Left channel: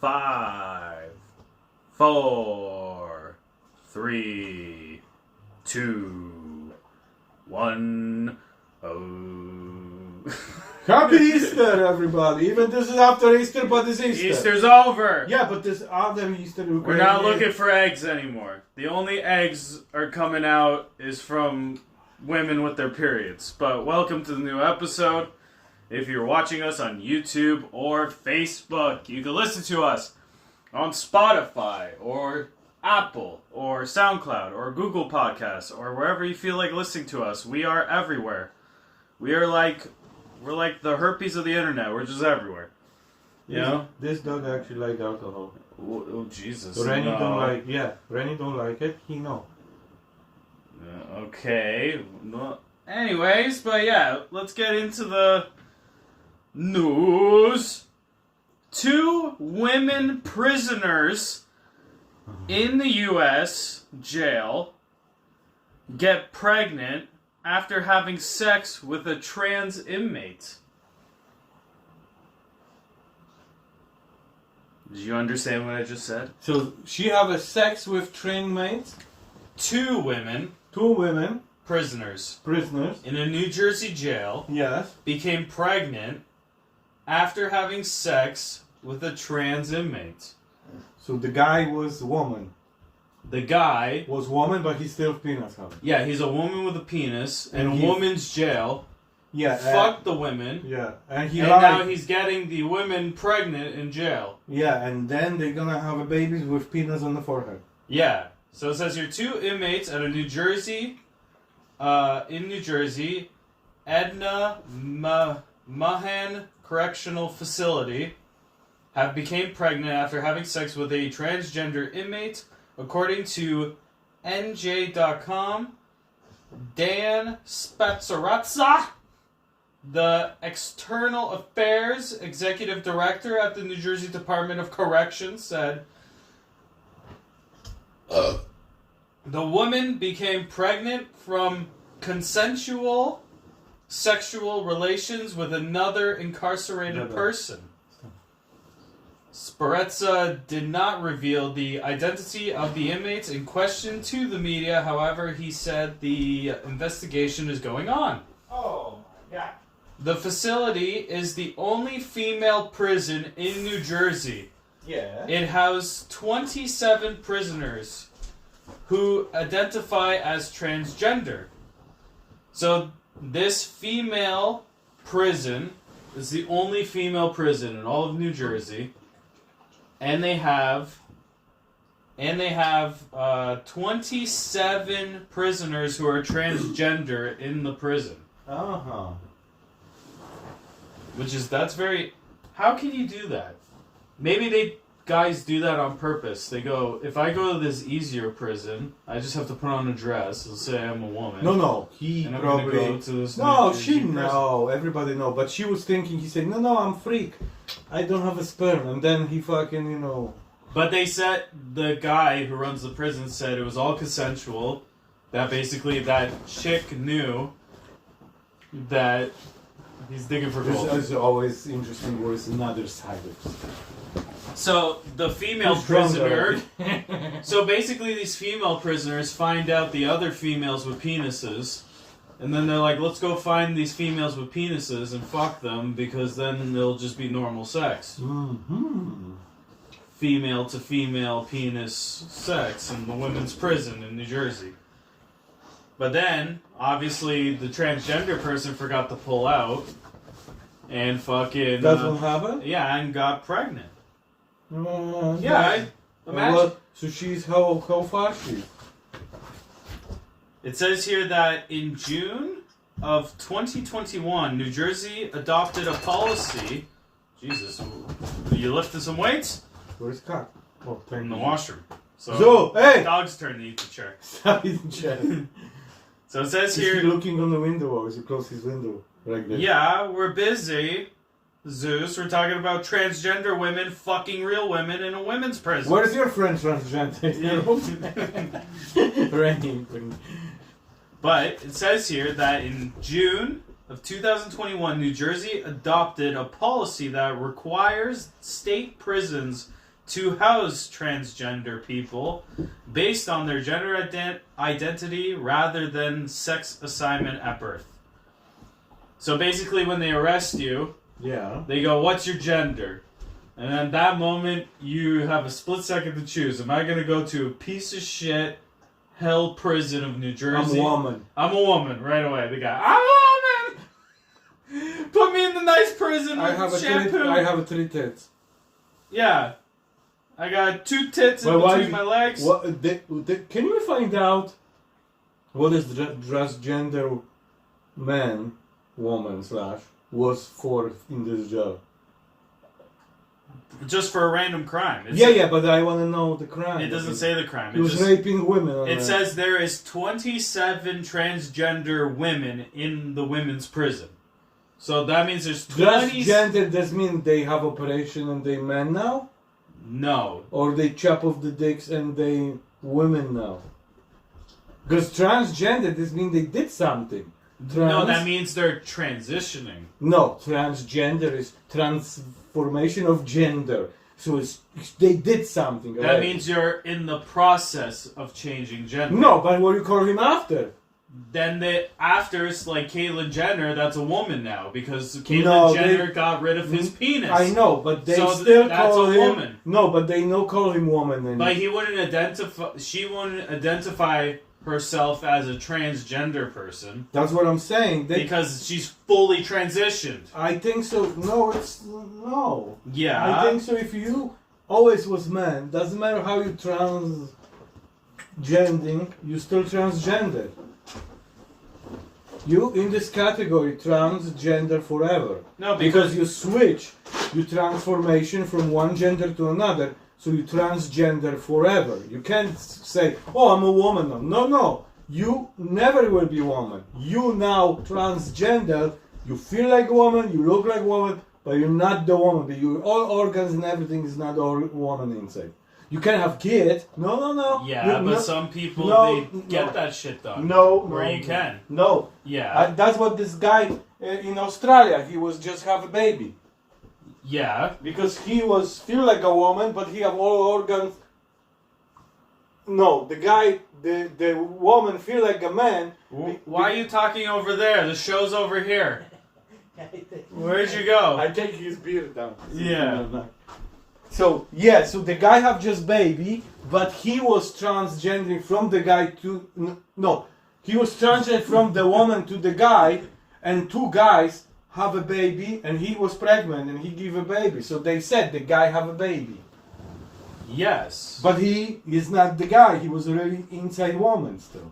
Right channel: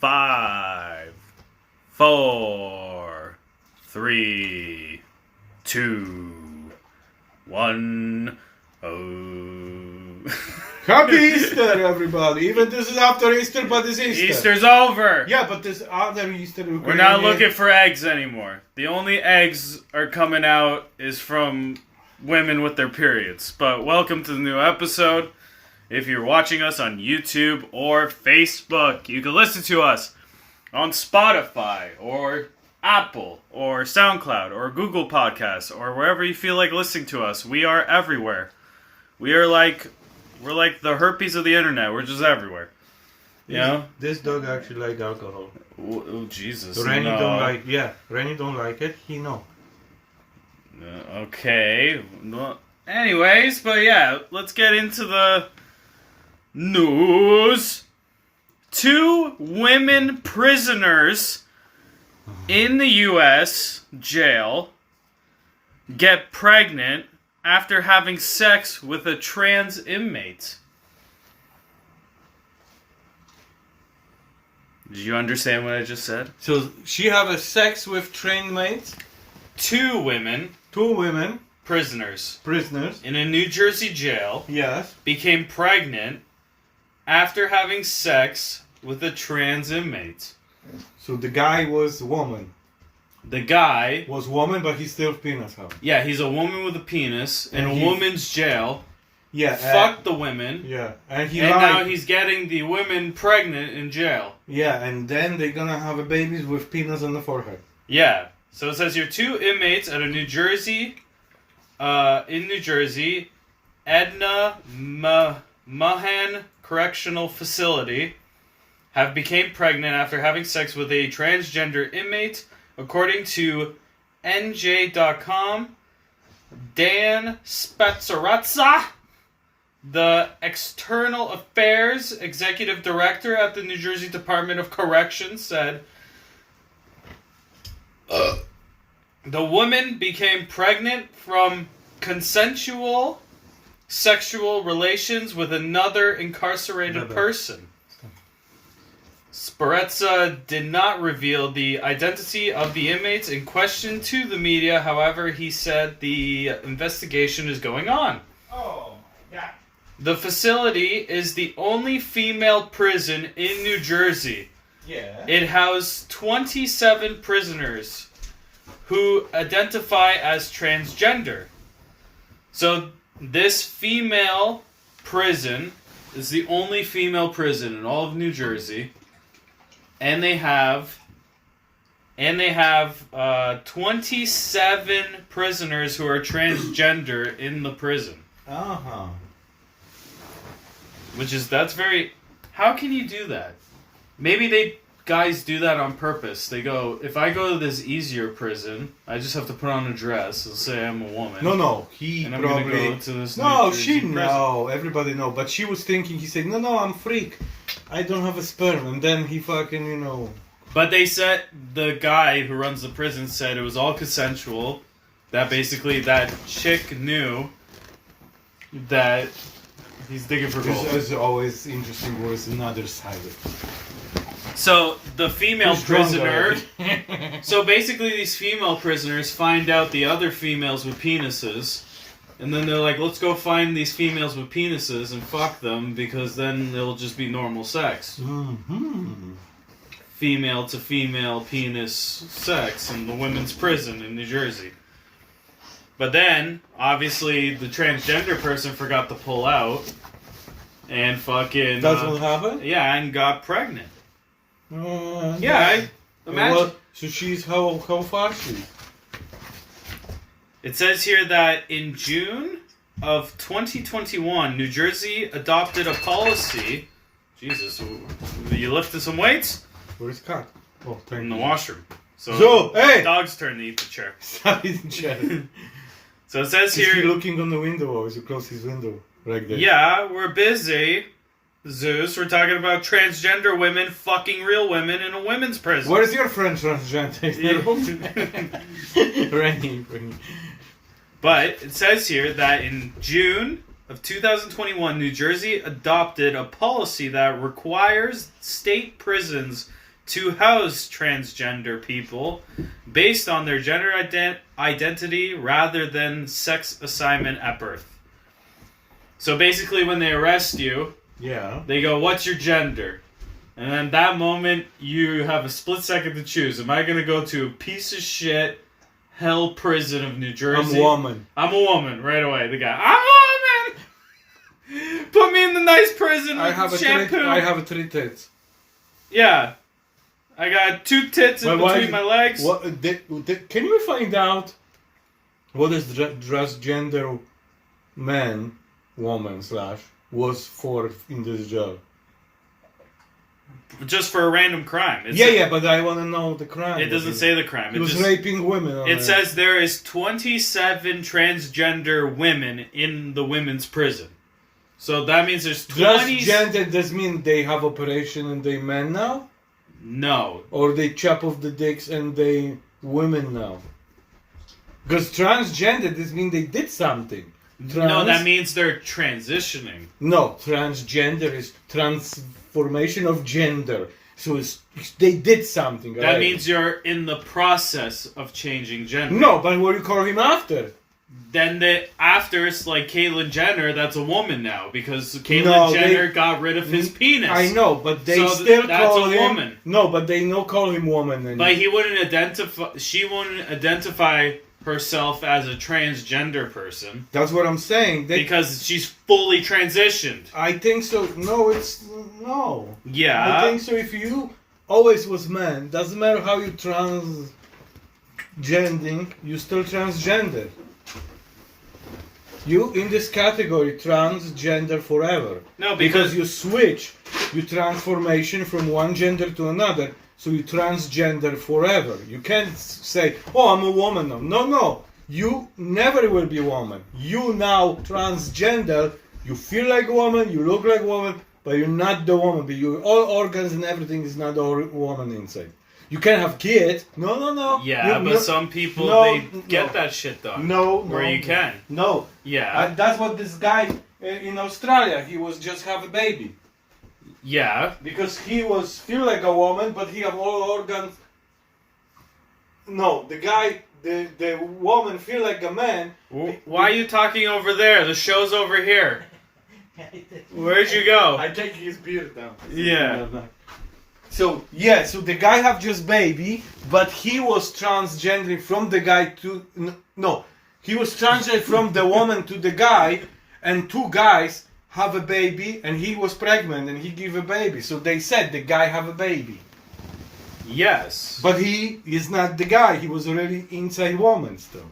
5, 4, 3, 2, 1. Oh. Happy Easter, everybody! Even this is after Easter, but it's Easter. Easter's over. Yeah, but this other Easter. We're not looking for eggs anymore. The only eggs are coming out is from women with their periods. But welcome to the new episode. If you're watching us on YouTube or Facebook, you can listen to us on Spotify or Apple or SoundCloud or Google Podcasts or wherever you feel like listening to us. We are everywhere. We're like the herpes of the internet. We're just everywhere. You know? This dog actually likes alcohol. Oh Jesus! Rennie don't like. Yeah, Rennie don't like it. He know. Okay. Well, anyways, but yeah, let's get into the news. 2 women prisoners in the U.S. jail get pregnant after having sex with a trans inmate. Did you understand what I just said? So she have a sex with trained mates. 2 women. 2 women. Prisoners. In a New Jersey jail. Yes. Became pregnant after having sex with a trans inmate. So the guy was woman. The guy was woman, but he's still penis having. Yeah, he's a woman with a penis in a woman's jail. Yeah. Fucked the women. Yeah. And now he's getting the women pregnant in jail. Yeah, and then they're gonna have a baby with penis on the forehead. Yeah. So it says here 2 inmates at a New Jersey, Edna Mahan Correctional Facility have became pregnant after having sex with a transgender inmate, according to NJ.com. Dan Spezzarazza, the External Affairs Executive Director at the New Jersey Department of Corrections, said the woman became pregnant from consensual sexual relations with another incarcerated person. Spezzarazza did not reveal the identity of the inmates in question to the media. However, he said the investigation is going on. Oh, yeah. The facility is the only female prison in New Jersey. Yeah. It housed 27 prisoners who identify as transgender. So this female prison is the only female prison in all of New Jersey. And they have 27 prisoners who are transgender in the prison. Uh-huh. That's very... How can you do that? Maybe guys do that on purpose. They go, if I go to this easier prison, I just have to put on a dress and say I'm a woman. No, he and I'm probably... go to this everybody know. But she was thinking, he said, no, I'm freak. I don't have a sperm. And then he fucking, But they said, the guy who runs the prison said it was all consensual. That basically, that chick knew that he's digging for gold. It's always interesting where it's another side of it. So, the female prisoner... So, basically, these female prisoners find out the other females with penises. And then they're like, let's go find these females with penises and fuck them, because then it'll just be normal sex. Mm-hmm. Female to female penis sex in the women's prison in New Jersey. But then, obviously, the transgender person forgot to pull out. And fucking... That's what happened? Yeah, and got pregnant. Imagine. So she's how far she? It says here that in June of 2021, New Jersey adopted a policy. Jesus, you lifted some weights? Where's Cat? Oh, in the washroom. So hey! Dog's turn to eat the chair. So it says here. Is he looking on the window or is he close his window? Right there. Yeah, we're busy. Zeus, we're talking about transgender women fucking real women in a women's prison. What is your friend transgender? Rennie. But it says here that in June of 2021, New Jersey adopted a policy that requires state prisons to house transgender people based on their gender identity rather than sex assignment at birth. So basically, when they arrest you, Yeah. they go, "What's your gender?" And then that moment, you have a split second to choose. Am I going to go to a piece of shit hell prison of New Jersey? I'm a woman. I'm a woman, right away. The guy, I'm a woman! Put me in the nice prison with shampoo. I have 3 tits. Yeah. I got 2 tits in between my legs. Can you find out what is transgender man, woman / was for in this job? Just for a random crime. But I want to know the crime. It doesn't say the crime. He was raping women. It says there is 27 transgender women in the women's prison. So that means there's 20... Transgender does mean they have operation and they men now? No. Or they chop off the dicks and they women now? Because transgender does mean they did something. No, that means they're transitioning. No, transgender is transformation of gender. So they did something. That right? means you're in the process of changing gender. No, but what do you call him after? Then after it's like Caitlyn Jenner, that's a woman now because Caitlyn Jenner got rid of his penis. I know, but they so still that's call a him woman. No, but they no call him woman anymore. But he wouldn't identify. She wouldn't identify herself as a transgender person. That's what I'm saying. Because she's fully transitioned. I think so. No. Yeah. I think so. If you always was man, doesn't matter how you transgending, you still transgender. You in this category transgender forever. No, because you switch, you transformation from one gender to another. So you transgender forever. You can't say, "Oh, I'm a woman now." No. You never will be a woman. You now transgender. You feel like a woman. You look like a woman, but you're not the woman. But all organs and everything is not a woman inside. You can have kids. No. Yeah, but some people they get that shit done. Where you can. No. Yeah. That's what this guy in Australia. He was just have a baby. Yeah. Because he was feel like a woman, but he have all organs. No, the guy, the woman feel like a man. Why are you talking over there? The show's over here. Where'd you go? I take his beard down. Yeah. So the guy have just baby, but he was transgendering from the guy to no, he was transgendering from the woman to the guy, and 2 guys have a baby, and he was pregnant and he give a baby. So they said the guy have a baby. Yes. But he is not the guy. He was already inside woman still.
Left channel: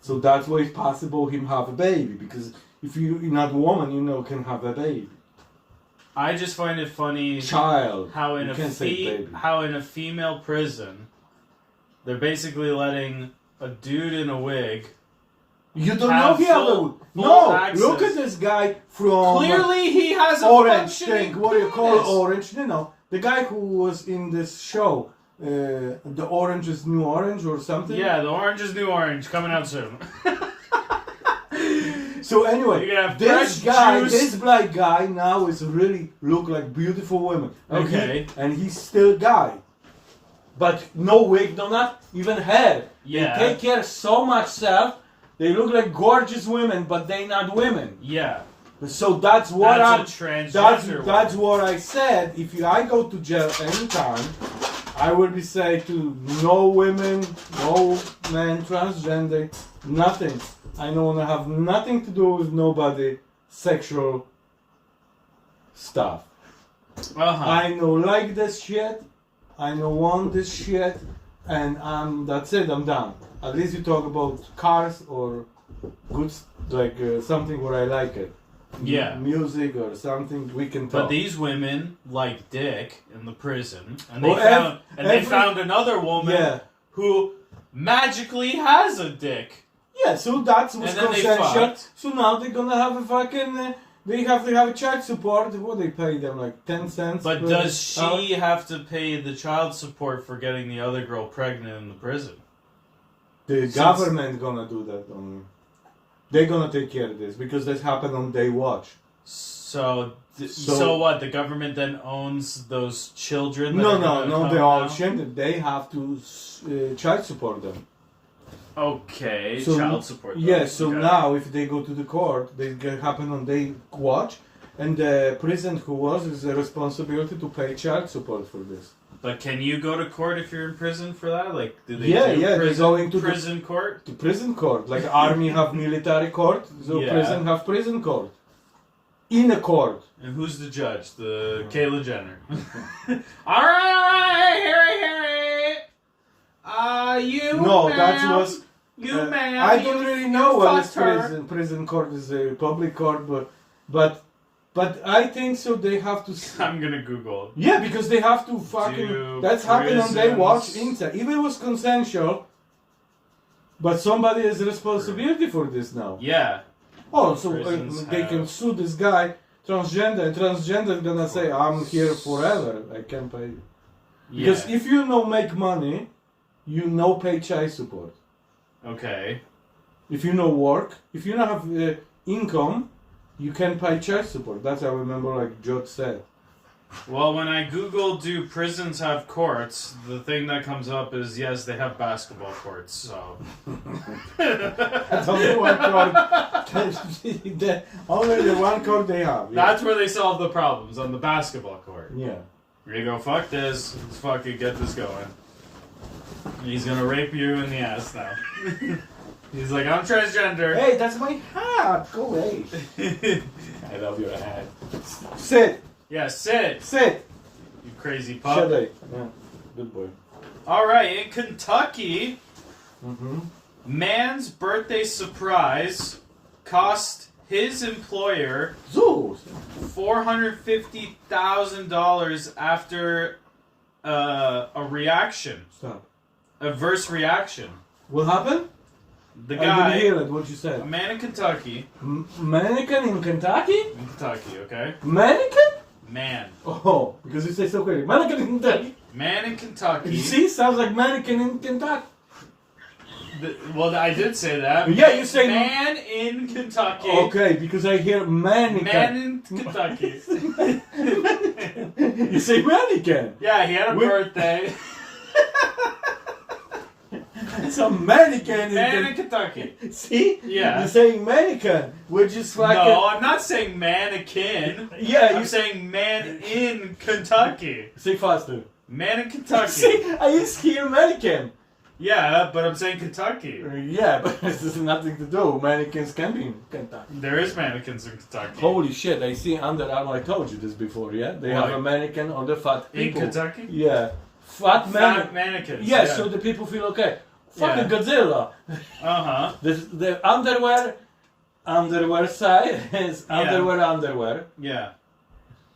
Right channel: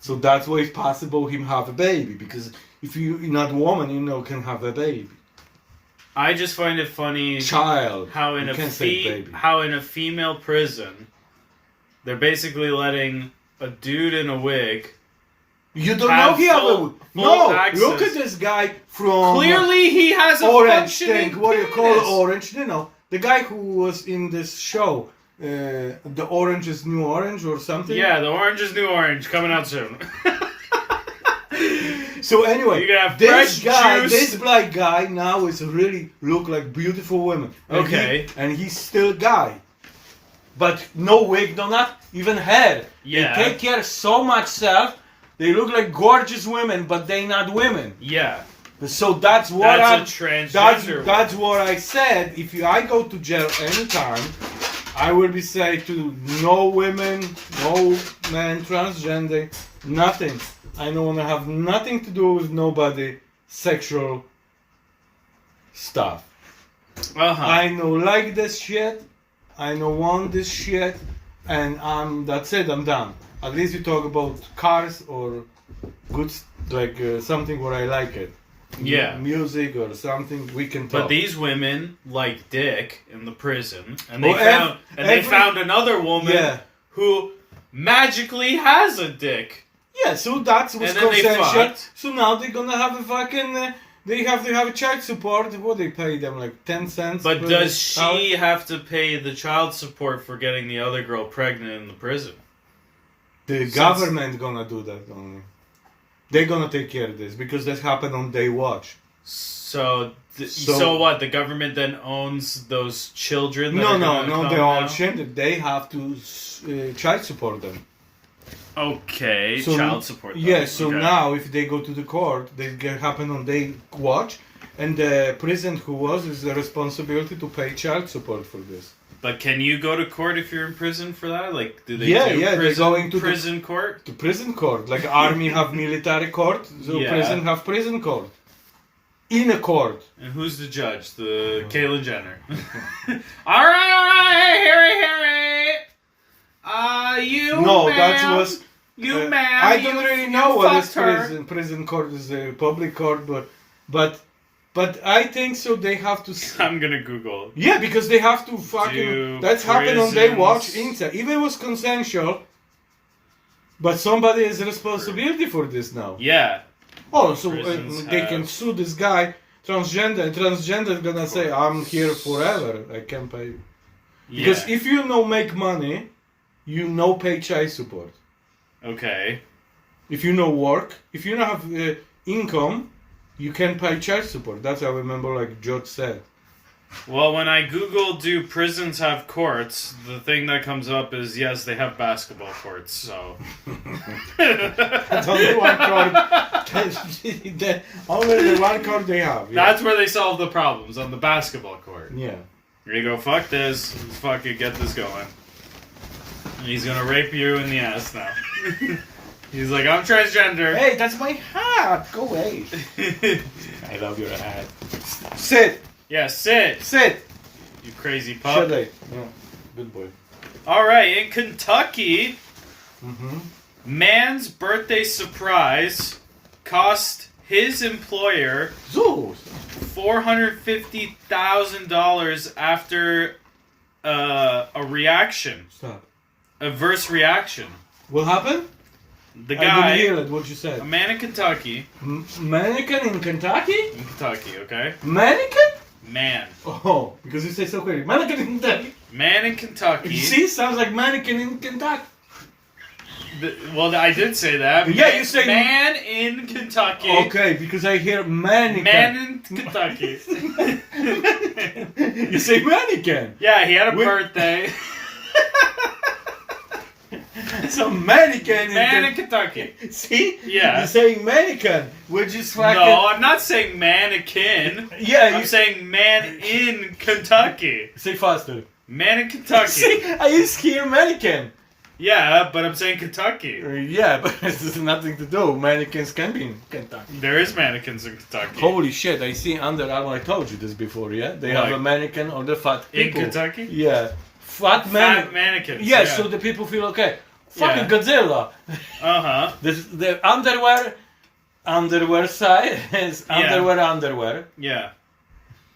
So that's why it's possible him have a baby, because if you're not a woman, can have a baby. I just find it funny Child. how in a female prison they're basically letting a dude in a wig. You don't know he have a no. Access. Look at this guy from Clearly, he has a orange functioning thing. What do you call penis. orange? The guy who was in this show, the Orange is New Orange or something. Yeah, the Orange is New Orange coming out soon. So anyway, you can have this fresh guy, juice. this black guy now is really look like beautiful women. And he's still guy. But no wig, not even hair. Yeah. They take care so much self. They look like gorgeous women, but they not women. Yeah. So that's what that's what I said. If I go to jail anytime, I will be say to no women, no men, transgender, nothing. I don't want to have nothing to do with nobody sexual stuff. I no like this shit. I no want this shit, and that's it. I'm done. At least we talk about cars or good like something where I like it. Yeah. Music or something we can talk. But these women like dick in the prison, and they found another woman who magically has a dick. Yeah, so that's what's consensual. So now they're gonna have a fucking. They have to have a child support. What they pay them, like 10 cents? But does she have to pay the child support for getting the other girl pregnant in the prison? The government gonna do that only. They're gonna take care of this because this happened on their watch. So what? The government then owns those children? That No, are no, gonna no. come They're all now? children. They have to child support them. Okay, So, child support. them. Yes. So Okay. now, if they go to the court, they get happen on they watch, and the prison who was is the responsibility to pay child support for this. But can you go to court if you're in prison for that? Like, do they Yeah, do yeah, they're prison, going to the- prison court? The prison court, like army have military court, so Yeah. prison have prison court. In a court. And who's the judge? The Caitlyn Jenner. all right, hear it. You No, ma'am, that was. you ma'am. I don't you- really you know what is fucked her. prison. Prison court is a public court, but I think so. They have to. I'm gonna Google. Yeah, because they have to fucking. Do That's happened when they watch prisons- inside. Even it was consensual. But somebody has responsibility for this now. Yeah. Oh, so Prisons they have- can sue this guy, transgender. And transgender is gonna say, "I'm here forever. I can't pay." Because Yeah. if you no make money, you no pay child support. Okay. If you no work, if you don't have income, you can pay child support. That's how I remember, like George said. Well, when I Google do prisons have courts, the thing that comes up is yes, they have basketball courts. So. That's only one court. Only the one court they have. Yeah. That's where they solve the problems, on the basketball court. Yeah. You go, fuck this, let's fucking get this going. And he's gonna rape you in the ass now. He's like, I'm transgender. Hey, that's my hat. Go away. I love your hat. Sit. Yeah, sit, Sit. you crazy pup. Shut up. Yeah. Good boy. Alright, in Kentucky, Mm-hmm. man's birthday surprise cost his employer Zeus. $450,000 after a reaction, Stop. adverse reaction. What happened? The I didn't guy, hear it, what you a said. man in Kentucky, Mannequin in Kentucky? okay? Mannequin? Man. Oh, because you say so quickly. Mannequin in Kentucky. Man in Kentucky. You see, sounds like mannequin in Kentucky. Well, I did say that. Yeah, you say- man in Kentucky. Okay, because I hear mannequin. Man in Kentucky. You say mannequin. Yeah, he had a Wait. birthday. It's a mannequin Man in in Kentucky. See? Yeah. You say mannequin, which is fucking. No, I'm not saying mannequin. Yeah, I'm you saying man in Kentucky. say faster. Man in Kentucky. See, I used to hear mannequin. Yeah, but I'm saying Kentucky. Yeah, but this has nothing to do. Mannequins can be in Kentucky. There is mannequins in Kentucky. Holy shit, I see Under Armour. I told you this before, yeah? They have What? a mannequin on the fat In people. Kentucky? Yeah. Fat man. mannequins. Yes, yeah. so the people feel okay. Fucking Yeah. Godzilla. Uh-huh. The underwear side is Yeah. underwear. Yeah.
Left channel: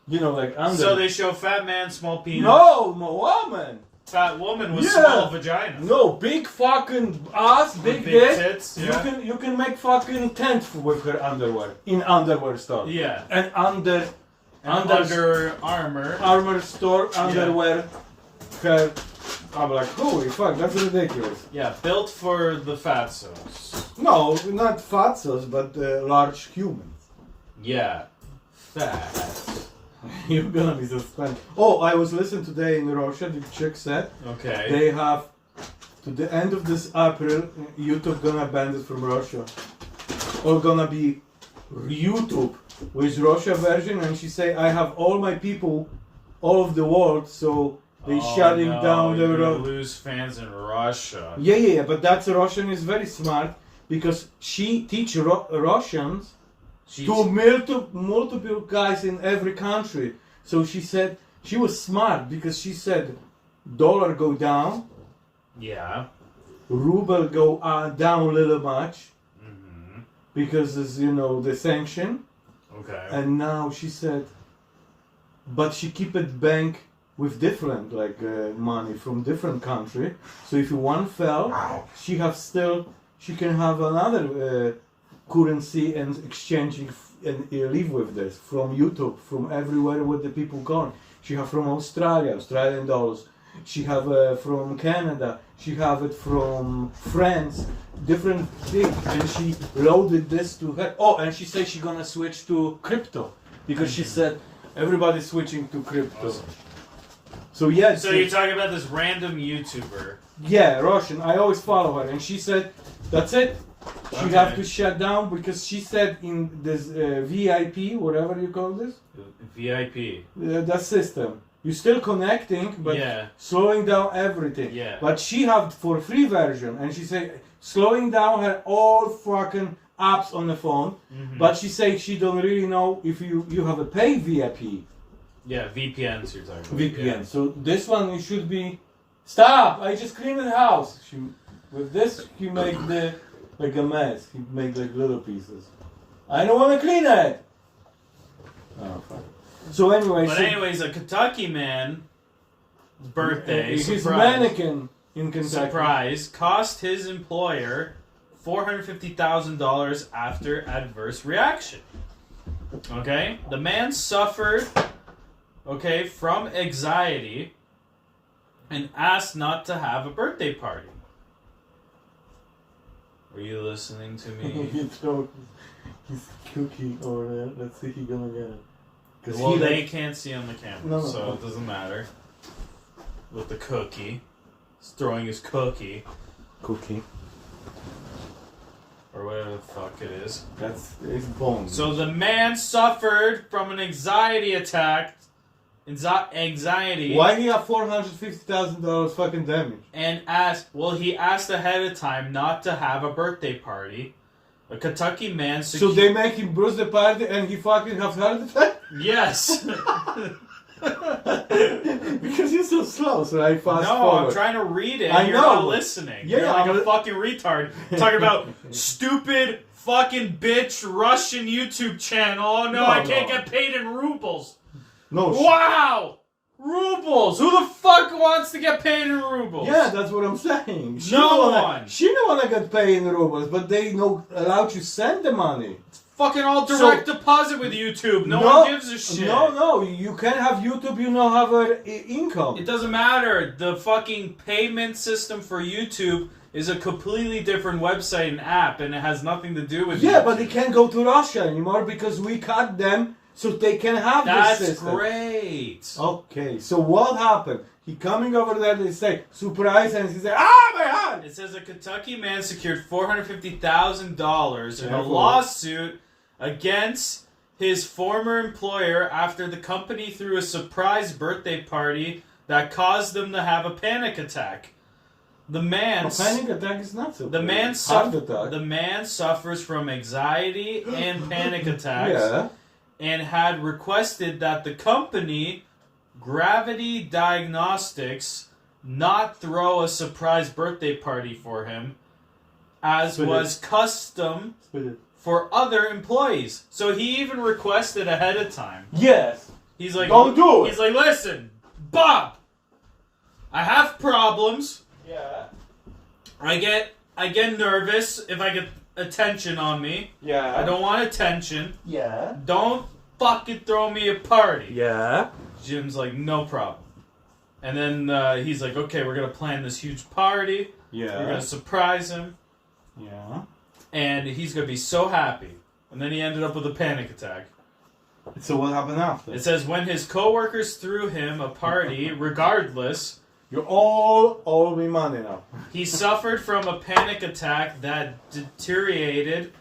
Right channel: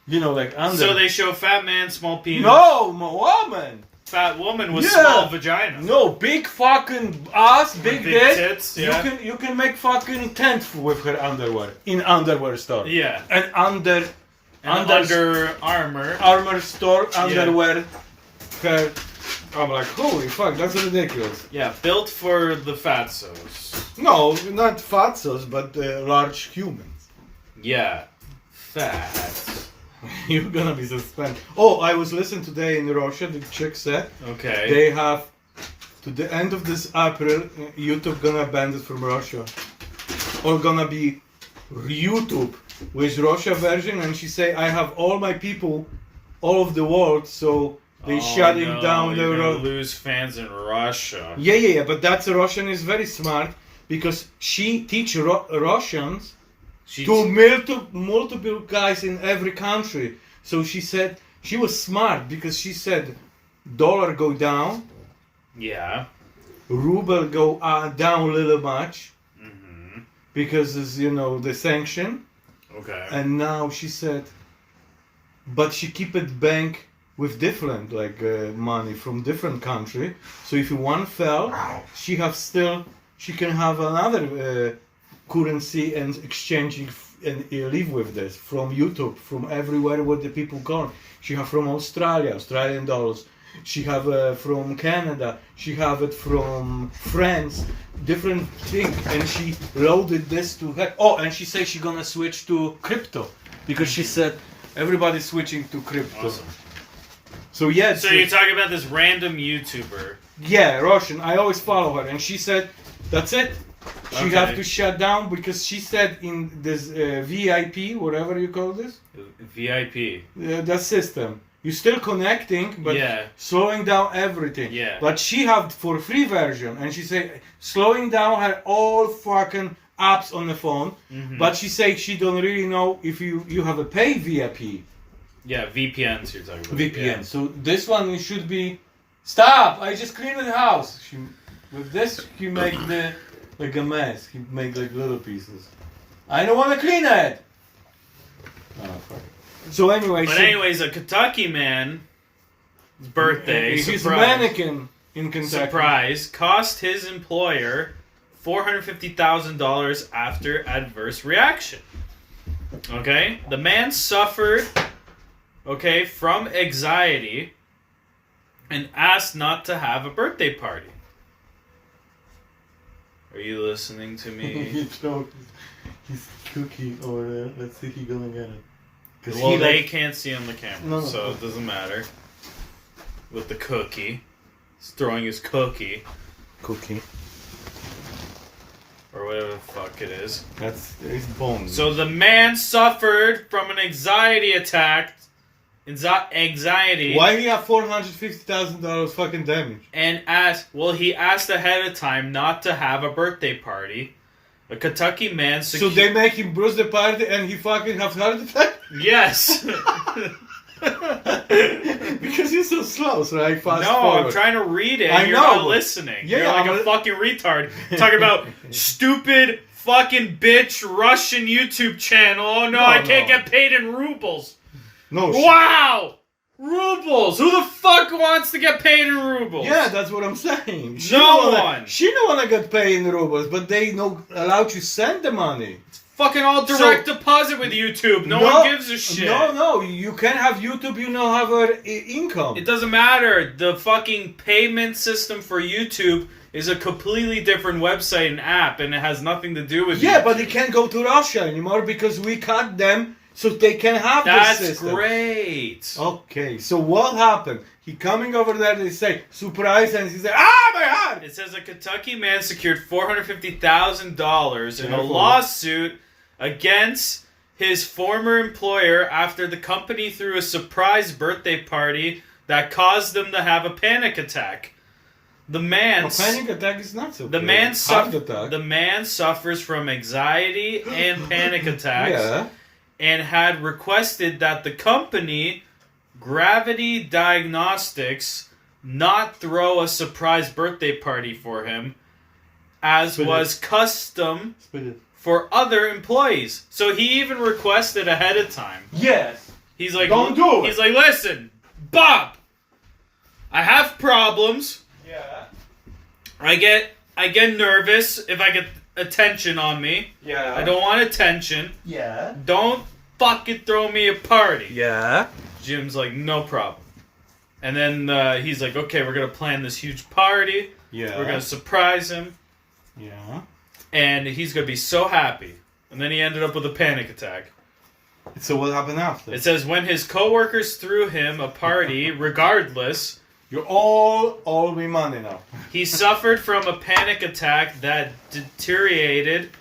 You know, like under. So they show fat man, small penis. No, woman. Fat woman with Yeah. small vagina. No, big fucking ass, big Big dick. tits, yeah. You can make fucking tent with her underwear in underwear store. Yeah. And under Under Armour. armor store underwear. Her. I'm like, holy fuck, that's ridiculous. Yeah, built for the fatsos. No, not fatsos, but large humans. Yeah. Fat. You're gonna be suspended. Oh, I was listening today in Russia. The chick said Okay. they have to the end of this April. YouTube gonna ban it from Russia, or gonna be YouTube with Russia version. And she say, I have all my people, all of the world, so they shutting down the. You're gonna lose fans in Russia. Yeah. But that's Russian is very smart because she teach Russians. She's, To multiple guys in every country. So she said she was smart because she said dollar go down, yeah. ruble go down a little much Mm-hmm. because it's the sanction. Okay. And now she said, but she keep it bank with different money from different country. So if one fell, she can have another. Currency and exchanging and live with this from YouTube, from everywhere where the people gone. She have from Australia, Australian dollars, she have from Canada, she have it from France, different thing, and she loaded this to her. Oh, and she said she gonna switch to crypto because she said everybody's switching to crypto. Awesome. So yeah. So you're talking about this random YouTuber. Yeah, Russian. I always follow her, and she said, "That's it. She Okay. have to shut down because she said in this VIP, whatever you call this, VIP. that system, you're still connecting, but Yeah. slowing down everything. Yeah. But she have for free version, and she said slowing down her all fucking apps on the phone. Mhm. But she said she don't really know if you have a pay VIP. Yeah, VPNs you're talking about. VPN. So this one it should be. Stop! I just cleaned the house. She, with this, he make the like a mess. He make like little pieces. I don't want to clean it. Oh fuck. So anyway, But anyways, a Kentucky man, his birthday, he's a surprise, mannequin in Kentucky. surprise, cost his employer $450,000 after adverse reaction. Okay, the man suffered, okay, from anxiety and asked not to have a birthday party. Are you listening to me? He's cookie over there. Let's see if he's gonna get it. Well, they can't see on the camera, No, no. so it doesn't matter. With the cookie. He's throwing his cookie. Cookie. Or whatever the fuck it is. That's it's bones. So the man suffered from an anxiety attack. Anxiety. Why he have $450,000 fucking damage? And he asked ahead of time not to have a birthday party. A Kentucky man So they make him bruise the party and he fucking have heart attack? Yes! Because he's so slow, so I fast No, forward. I'm trying to read it I and you're know. not listening. Yeah, You're like a but- fucking retard. Talking about stupid fucking bitch Russian YouTube channel. Oh no, I can't No. get paid in rubles. No, Wow! Rubles! Who the fuck wants to get paid in rubles? yeah, that's what I'm saying. No don't wanna, one. She don't want to get paid in rubles, but they no allow you send the money. Fucking all direct deposit with YouTube. No one gives a shit. No, you can have YouTube, you know, have a income. It doesn't matter. The fucking payment system for YouTube is a completely different website and app, and it has nothing to do with Yeah, YouTube. but they can't go to Russia anymore because we cut them so they can have That's this system. great. Okay, so what happened? He coming over there, they say, surprise, and he said, ah, my hand! It says a Kentucky man secured $450,000 in a Careful. lawsuit against his former employer after the company threw a surprise birthday party that caused them to have a panic attack. The man A panic attack is not so The good. man Heart suffers. attack. The man suffers from anxiety and panic attacks, Yeah. and had requested that the company, Gravity Diagnostics, not throw a surprise birthday party for him, as Spit was custom Spit it. for other employees. So he even requested ahead of time. Yes. He's like, Don't do it. He's like, listen, Bob, I have problems. Yeah. I get nervous if I get attention on me. Yeah. I don't want attention. Yeah. Don't fucking throw me a party. Yeah. Jim's like, no problem. And then he's like, okay, we're gonna plan this huge party. Yeah. We're gonna surprise him, Yeah. and he's gonna be so happy. And then he ended up with a panic attack. So what happened after? It says when his coworkers threw him a party, regardless, You're all me money now. he suffered from a panic attack that deteriorated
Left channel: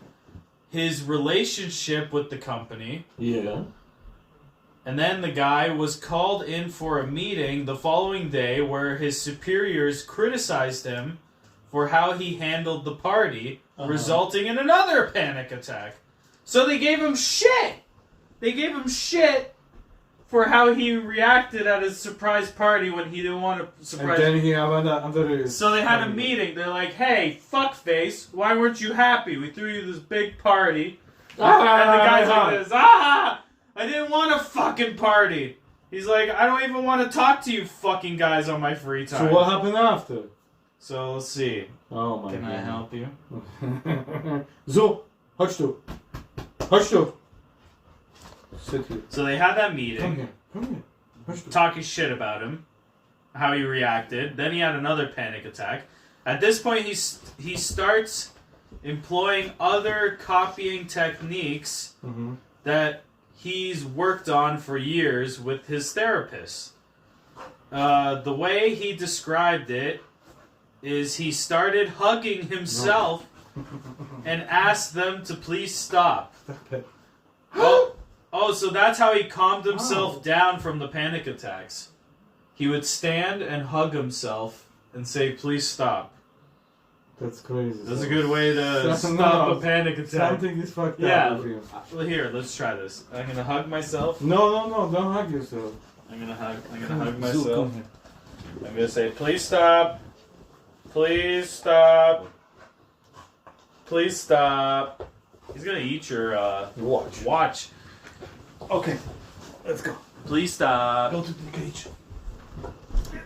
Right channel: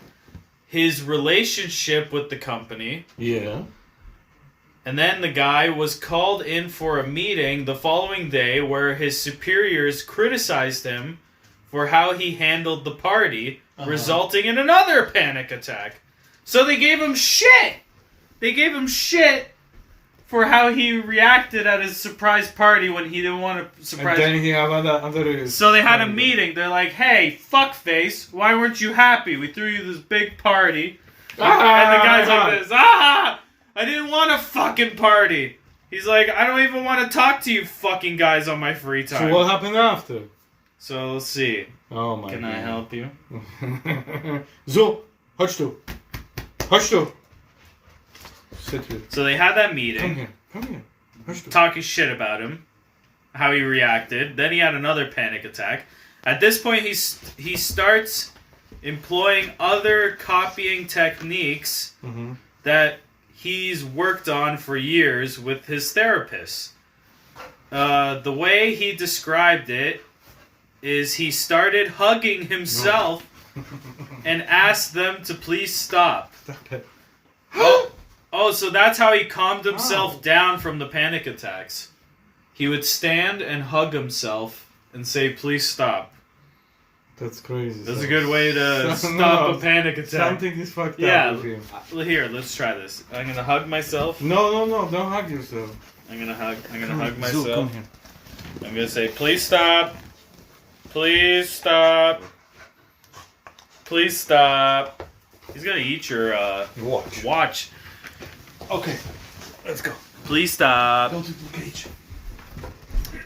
his relationship with the company. Yeah. And then the guy was called in for a meeting the following day where his superiors criticized him for how he handled the party, resulting in another panic attack. So they gave him shit! They gave him shit for how he reacted at his surprise party when he didn't want to And surprise then he have other. So they had a meeting. They're like, hey, fuckface, why weren't you happy? We threw you this big party. And the guy's like this, I didn't want a fucking party. He's like, I don't even want to talk to you fucking guys on my free time. So what happened after? So let's see. Oh my Can god. I help you? So, chodź tu. Chodź tu. Sit here. So they had that Come meeting, here. Come here. Chodź tu. talking shit about him. how he reacted. Then he had another panic attack. At this point, he starts employing other copying techniques that he's worked on for years with his therapist. The way he described it is he started hugging himself and asked them to please stop. Stop it. Oh, so that's how he calmed himself down from the panic attacks. He would stand and hug himself and say, please stop. That's crazy. That's a good way to stop a panic attack. Something is fucked up with him. Well, here, let's try this. I'm gonna hug myself. No, don't hug yourself. I'm gonna hug myself. I'm gonna say, please stop. Please stop. Please stop. He's gonna eat your watch. Okay, let's go. Please stop. Go to the cage.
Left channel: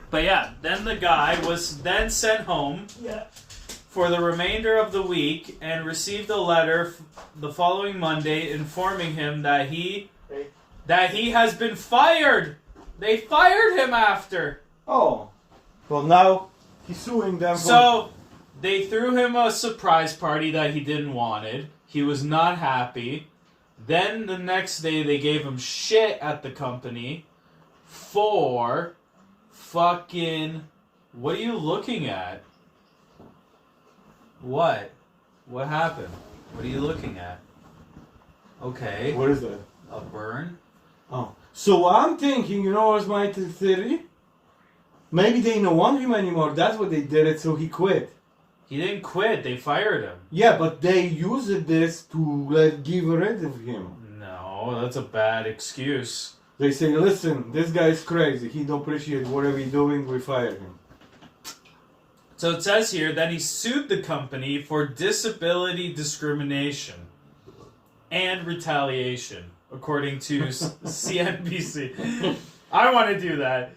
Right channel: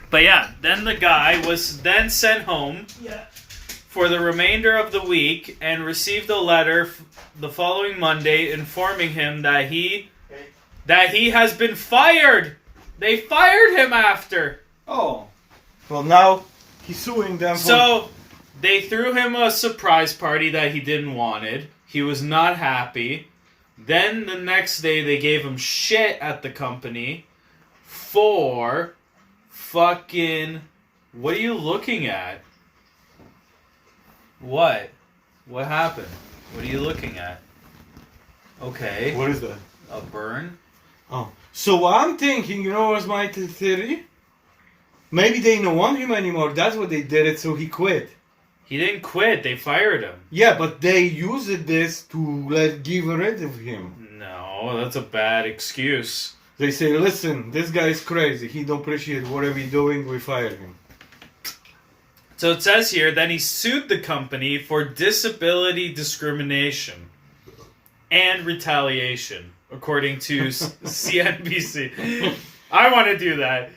But yeah, then the guy was then sent home for the remainder of the week and received a letter the following Monday informing him that he has been fired. They fired him after. Oh. Well, now he's suing them. So they threw him a surprise party that he didn't wanted. He was not happy. Then the next day they gave him shit at the company for fucking... What are you looking at? What? What happened? What are you looking at? Okay. What is that? A burn? Oh. So I'm thinking, you know what's my theory? Maybe they don't want him anymore. That's what they did it, so he quit. He didn't quit. They fired him. Yeah, but they used this to give rid of him. No, that's a bad excuse. They say, listen, this guy's crazy. He don't appreciate whatever he's doing. We fire him. So it says here that he sued the company for disability discrimination and retaliation, according to CNBC. I want to do that.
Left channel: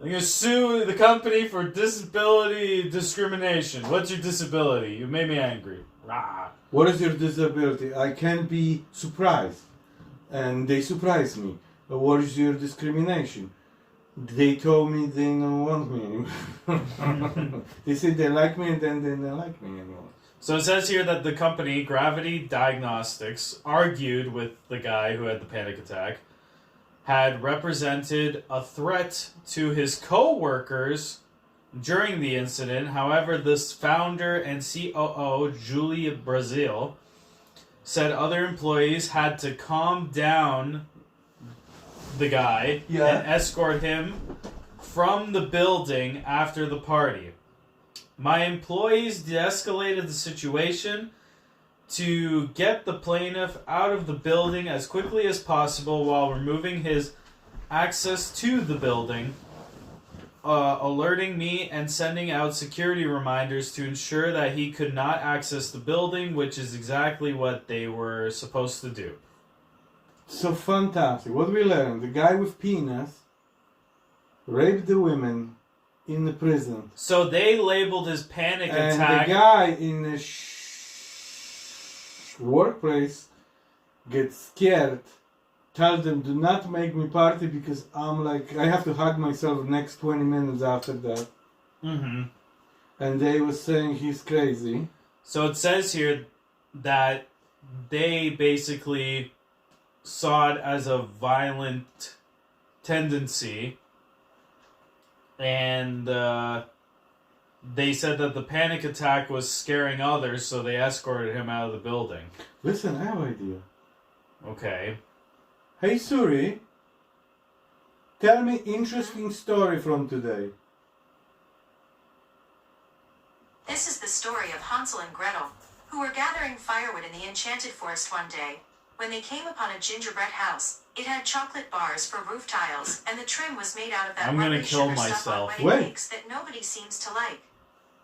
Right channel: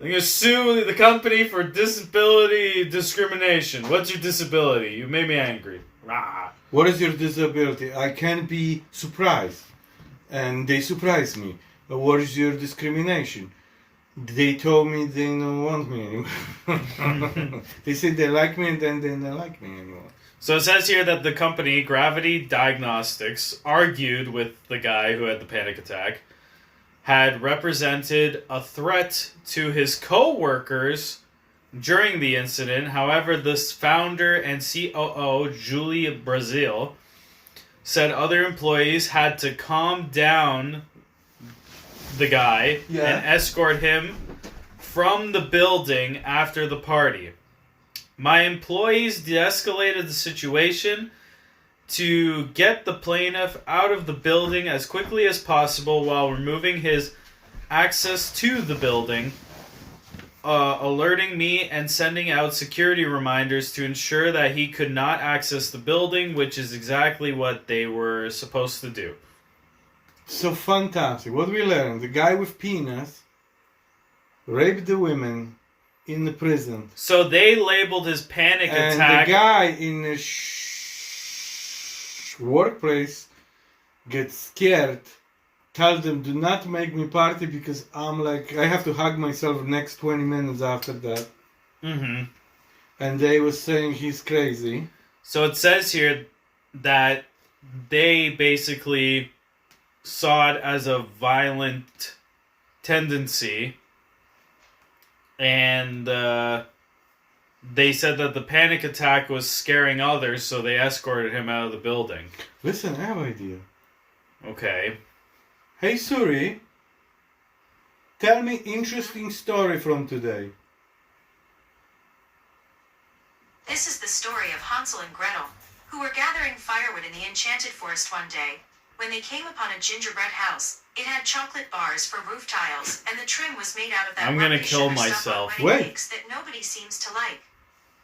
I'm going to sue the company for disability discrimination. What's your disability? You made me angry. Rah. What is your disability? I can't be surprised. And they surprised me. What is your discrimination? They told me they don't want me anymore. They said they like me and then they don't like me anymore. So it says here that the company, Gravity Diagnostics, argued with the guy who had the panic attack, had represented a threat to his co-workers during the incident. However, this founder and COO, Julie Brazil, said other employees had to calm down the guy and escort him from the building after the party. My employees de-escalated the situation to get the plaintiff out of the building as quickly as possible while removing his access to the building, alerting me and sending out security reminders to ensure that he could not access the building, which is exactly what they were supposed to do. So fantastic. What we learned, the guy with penis raped the women in the prison. So they labeled his panic attack. And the guy in the workplace gets scared, tell them, do not make me party because I'm like, I have to hug myself the next 20 minutes after that. Mm-hmm. And they were saying he's crazy. So it says here that they basically saw it as a violent tendency. And they said that the panic attack was scaring others, so they escorted him out of the building. Listen, I have an idea. Okay. Hey Suri, tell me interesting story from today. This is the story of Hansel and Gretel, who were gathering firewood in the enchanted forest one day, when they came upon a gingerbread house. It had chocolate bars for roof tiles, and the trim was made out of that I'm gonna rubbish kill sugar stuff myself. on wedding cakes that nobody seems to like.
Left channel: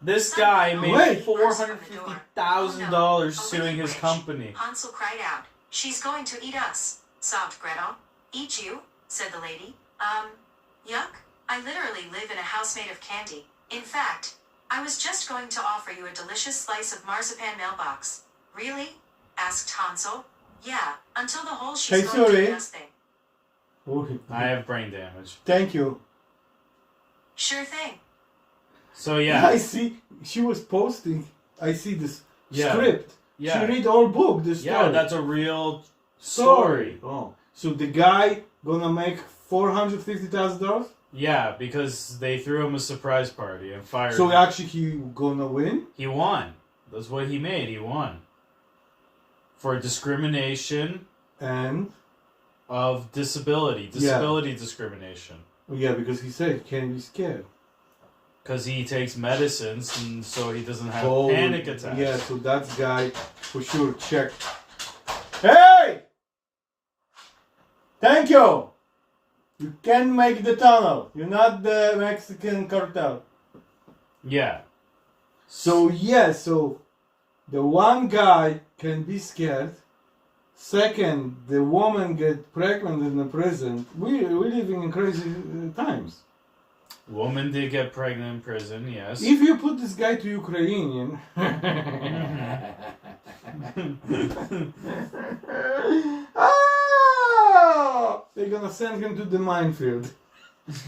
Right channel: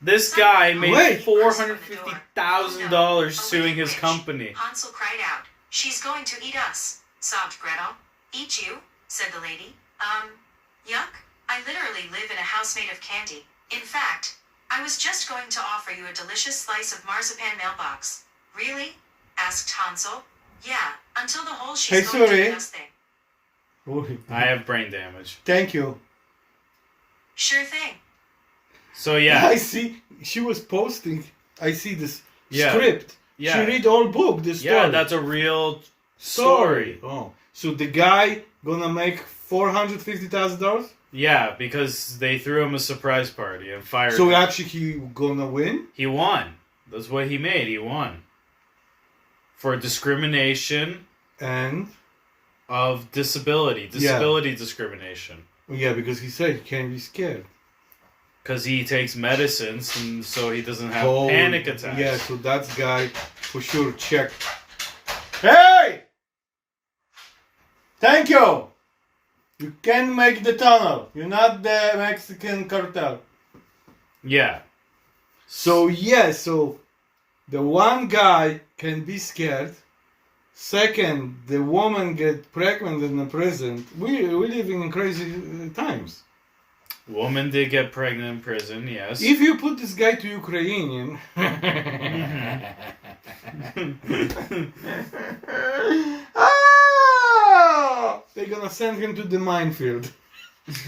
This guy made Wait. $450,000 suing his Rich. company. Hansel cried out, "She's going to eat us," sobbed Gretel. "Eat you?" said the lady. Yuck. I literally live in a house made of candy. In fact, I was just going to offer you a delicious slice of marzipan mailbox. Really? Asked Hansel. Yeah, until the whole she's Hey, going to eat sorry. us thing. Oh, I have brain damage. thank you. Sure thing. So yeah. I see. She was posting. I see this Yeah. script. Yeah. She read all book. The story. Yeah, that's a real story. Oh, so the guy gonna make $450,000? Yeah, because they threw him a surprise party and fired So him. actually, he gonna win? He won. That's what he made. He won. For discrimination And of disability. Disability discrimination. yeah, because he said he can't be scared. Because he takes medicines and so he doesn't have Oh, panic attacks. Yeah, so that guy for sure checked. Hey! Thank you! You can make the tunnel. You're not the Mexican cartel. Yeah. So yeah, so the one guy can be scared. Second, the woman get pregnant in the prison. We're living in crazy times. Woman did get pregnant in prison, yes. If you put this guy to Ukrainian, they're gonna send him to the minefield.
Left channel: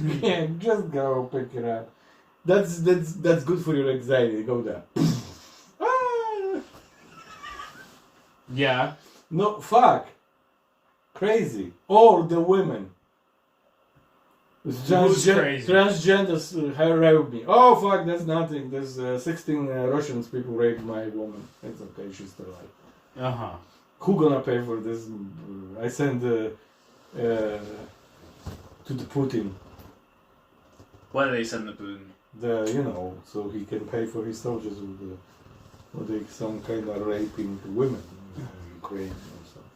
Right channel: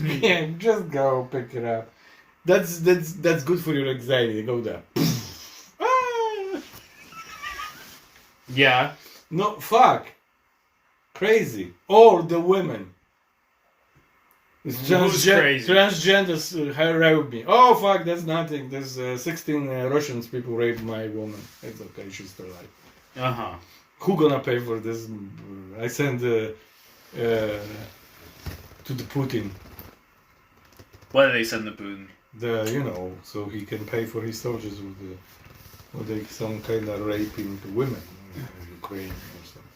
Yeah, just go pick it up. That's good for your anxiety. Go there. Yeah. No, fuck. Crazy. Or the women. Who's crazy? Transgenders raped me. Oh fuck, that's nothing. There's 16 Russians people raped my woman. It's okay, she's still alive. Uh-huh. Who gonna pay for this? I send to the Putin. What did they send to Putin? So he can pay for his soldiers with some kind of raping to women in Ukraine or something.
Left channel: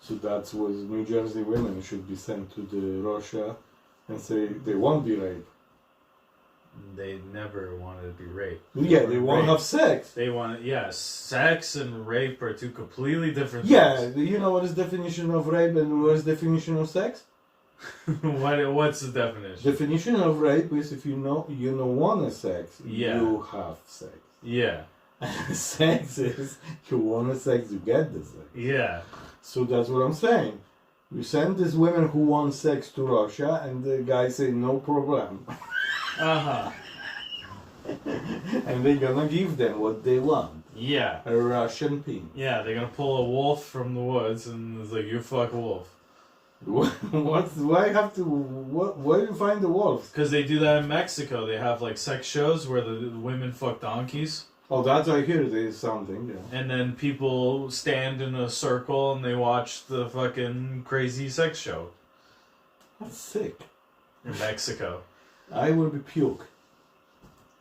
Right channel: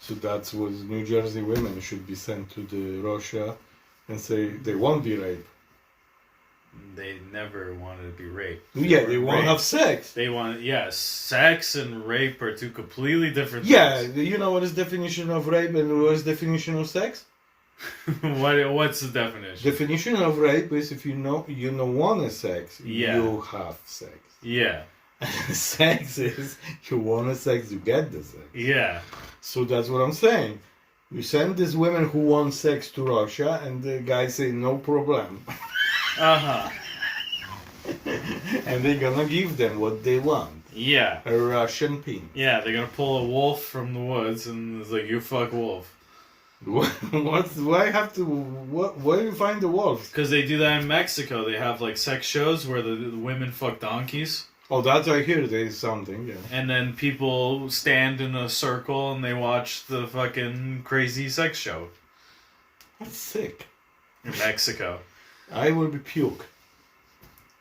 So that's what New Jersey women should be sent to the Russia and say they won't be raped. They never wanted to be raped. Yeah, they won't raped. have sex. They want, yes, sex and rape are two completely different Yeah, things. you know what is definition of rape and what is definition of sex? What's the definition? Definition of rape is if you don't want sex, Yeah. you have sex. Yeah. Sex is you want sex, you get the sex. Yeah. So that's what I'm saying. We send these women who want sex to Russia, and the guys say no problem, Uh-huh. and they're gonna give them what they want. Yeah. A Russian pin. Yeah, they're gonna pull a wolf from the woods and it's like, you fuck wolf. Why have to? Where do you find the wolves? Because they do that in Mexico. They have like sex shows where the women fuck donkeys. Oh, that's I hear there's something. Yeah. And then people stand in a circle and they watch the fucking crazy sex show That's sick. in Mexico. I will be puke.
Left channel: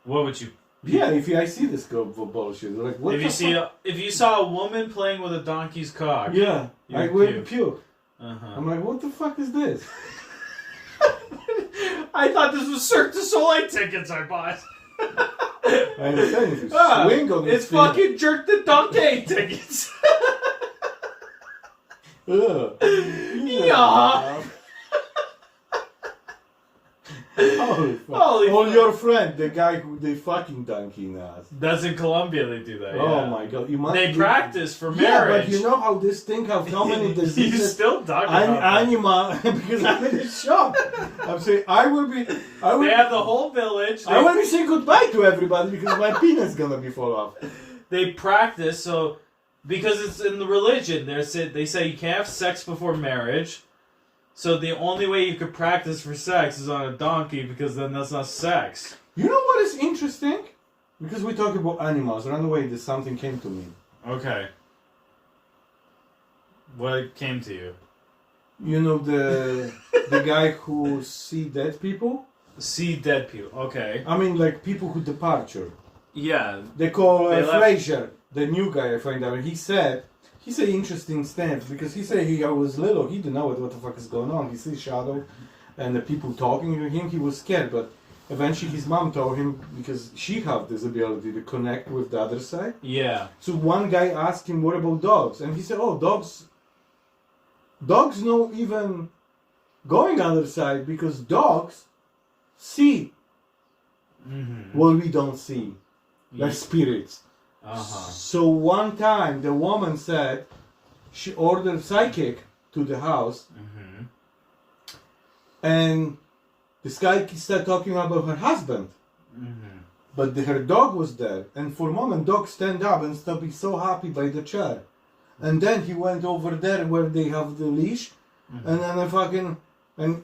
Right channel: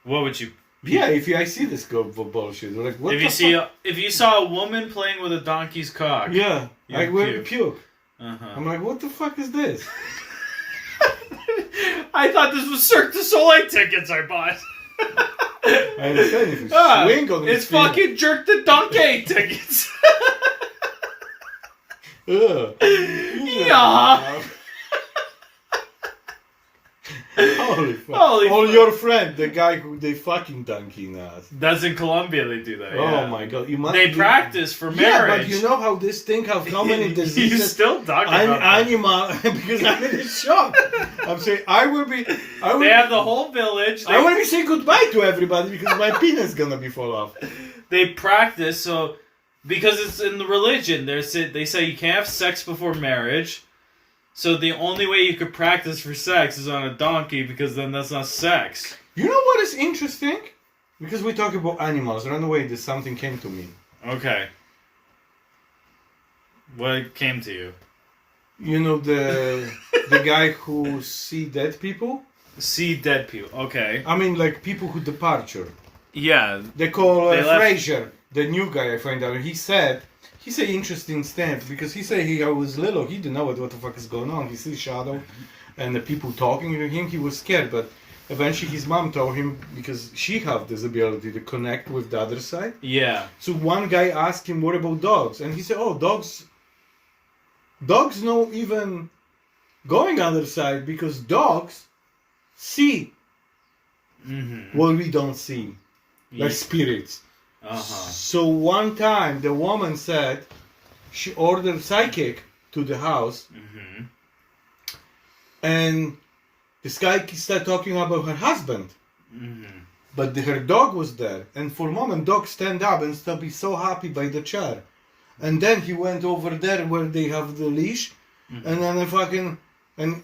What would you? Yeah, I see this bullshit, like what If the you see, fuck? if you saw a woman playing with a donkey's cock. Yeah, you I will puke. be puke. Uh-huh. I'm like, what the fuck is this? I thought this was Cirque du Soleil tickets I bought. I understand if you swing on It's feet. fucking Jerk the Donkey tickets. Ugh. Yeah. Holy fuck. Holy Or fuck. your friend, the guy who they fucking donkey nas. That's in Colombia they do that. Oh Yeah. my god. They practice for Yeah, marriage. but you know how this thing have how many You diseases? still talking about that. Animal, because I'm in shock. I'm saying I will be. They have the whole village. I will be saying goodbye to everybody because my penis gonna be fall off. They practice so because it's in the religion. They say you can't have sex before marriage. So the only way you could practice for sex is on a donkey because then that's not sex. You know what is interesting? Because we talk about animals. Run away. This something came to me. Okay. What came to you? You know the guy who see dead people. See dead people. Okay. I mean, like people who departure. Yeah. They call They left- Fraser, the new guy. I find out he said interesting stance because he said he was little. He didn't know what the fuck is going on. He sees shadow, and the people talking to him. He was scared, but eventually his mom told him because she have this ability to connect with the other side. Yeah. So one guy asked him, "What about dogs?" And he said, "Oh, dogs know even going other side because dogs see what we don't see, like spirits." Uh-huh. So one time the woman said she ordered psychic to the house, and This guy started talking about her husband. Mm-hmm. But her dog was there. And for a moment, dog stand up and start be so happy by the chair. And then he went over there where they have the leash. Mm-hmm. And then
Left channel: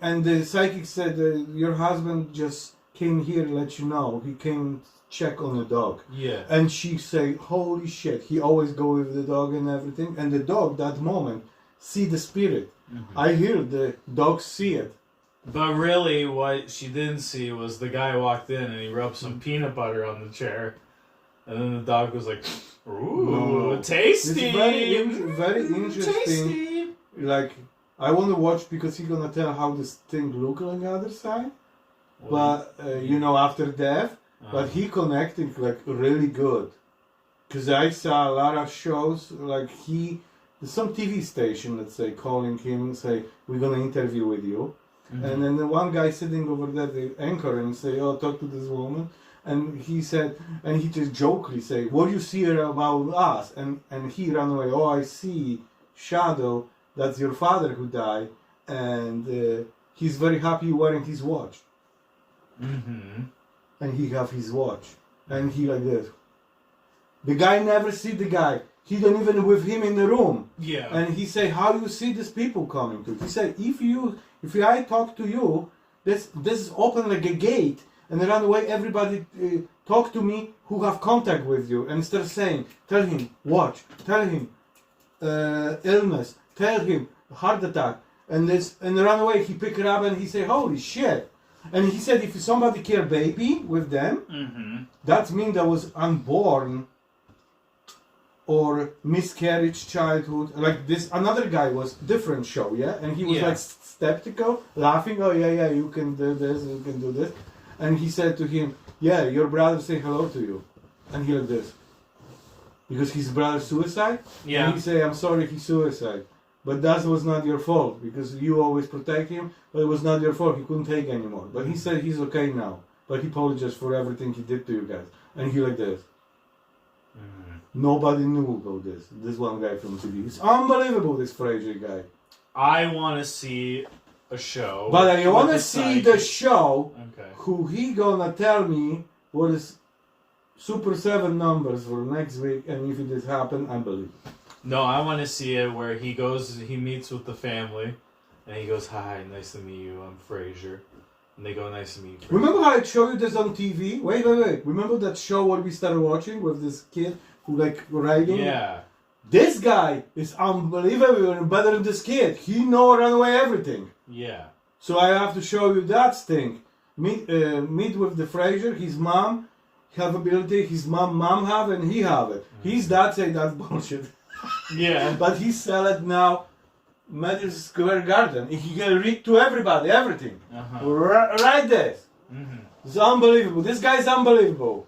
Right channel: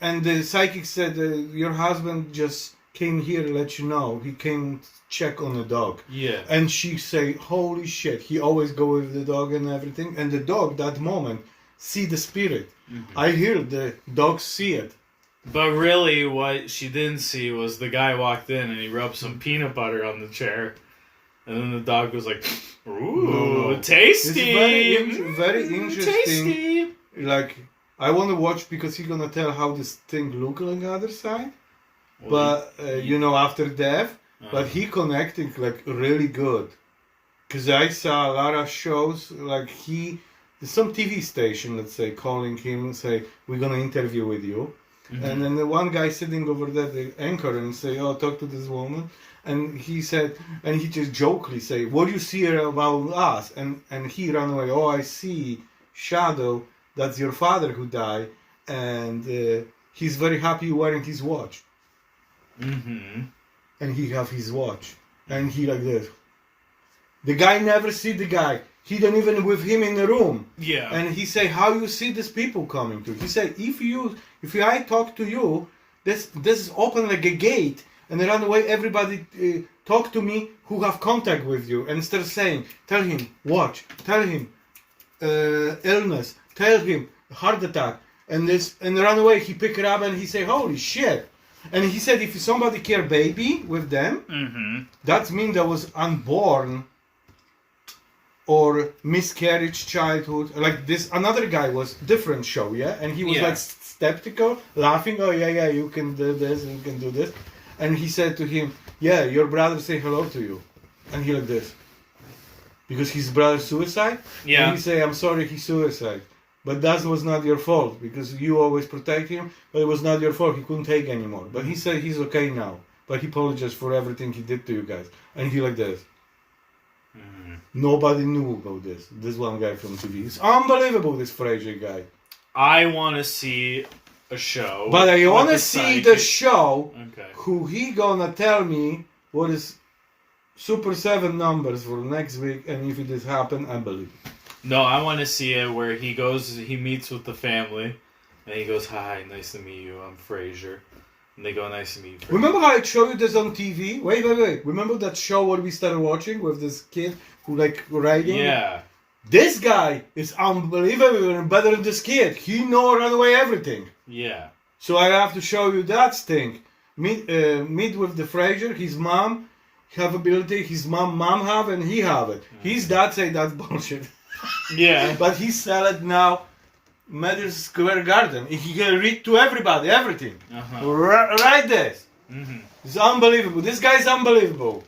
and the psychic said, your husband just came here to let you know. He came check on the dog. Yeah. And she say, holy shit. He always go with the dog and everything. And the dog, that moment, see the spirit. Mm-hmm. I hear the dog see it. But really, what she didn't see was the guy walked in and he rubbed some peanut butter on the chair. And then the dog was like, ooh, No. tasty! It's very interesting. Tasty! Like, I want to watch because he's gonna tell how this thing look on the other side. Well, But, after death, but he connected like really good. Because I saw a lot of shows, like there's some TV station, let's say, calling him and say, we're gonna interview with you. Mm-hmm. And then the one guy sitting over there, the anchor, and say, oh, talk to this woman. And he said, and he just jokingly say, what do you see about us? And he ran away, oh, I see shadow, that's your father who died. And he's very happy wearing his watch. Mm-hmm. And he have his watch. And he like this. The guy never see the guy. He don't even with him in the room. Yeah. And he say, how you see these people coming to? He say, if I talk to you, this is open like a gate, and run away. Everybody talk to me who have contact with you, and start saying, tell him watch, tell him illness, tell him heart attack, and run away. He pick it up and he say, holy shit. And he said, if somebody care baby with them, Mm-hmm. that means that was unborn or miscarriage childhood. Like this another guy was different show, yeah, and he was like skeptical, laughing, oh yeah, you can do this and you can do this. And he said to him, yeah, your brother say hello to you. And he like this, because his brother suicide. Yeah. And he say, I'm sorry he suicide, but that was not your fault, because you always protect him, but it was not your fault. He couldn't take anymore, but he said he's okay now, but he apologized for everything he did to you guys. And he like this. Mm-hmm. Nobody knew about this. This one guy from TV. It's unbelievable, this Fraser guy. I want to see a show. But I want to with see psychic. the show. Okay. Who he gonna tell me what is Super 7 numbers for next week, and if it is happen, I believe. No, I want to see it where he meets with the family, and he goes, hi, nice to meet you, I'm Fraser. And they go, nice to meet you. Remember how I showed you this on TV? Wait. Remember that show what we started watching with this kid who like riding? Yeah. This guy is unbelievable and better than this kid. He know run away everything. Yeah. So I have to show you that thing. Meet with the Fraser, his mom have ability, his mom have, and he have it. His dad say that's bullshit. Yeah. But he sell it now, Madison Square Garden. He can read to everybody, everything. Uh-huh. Right there. Mm-hmm. It's unbelievable. This guy's unbelievable.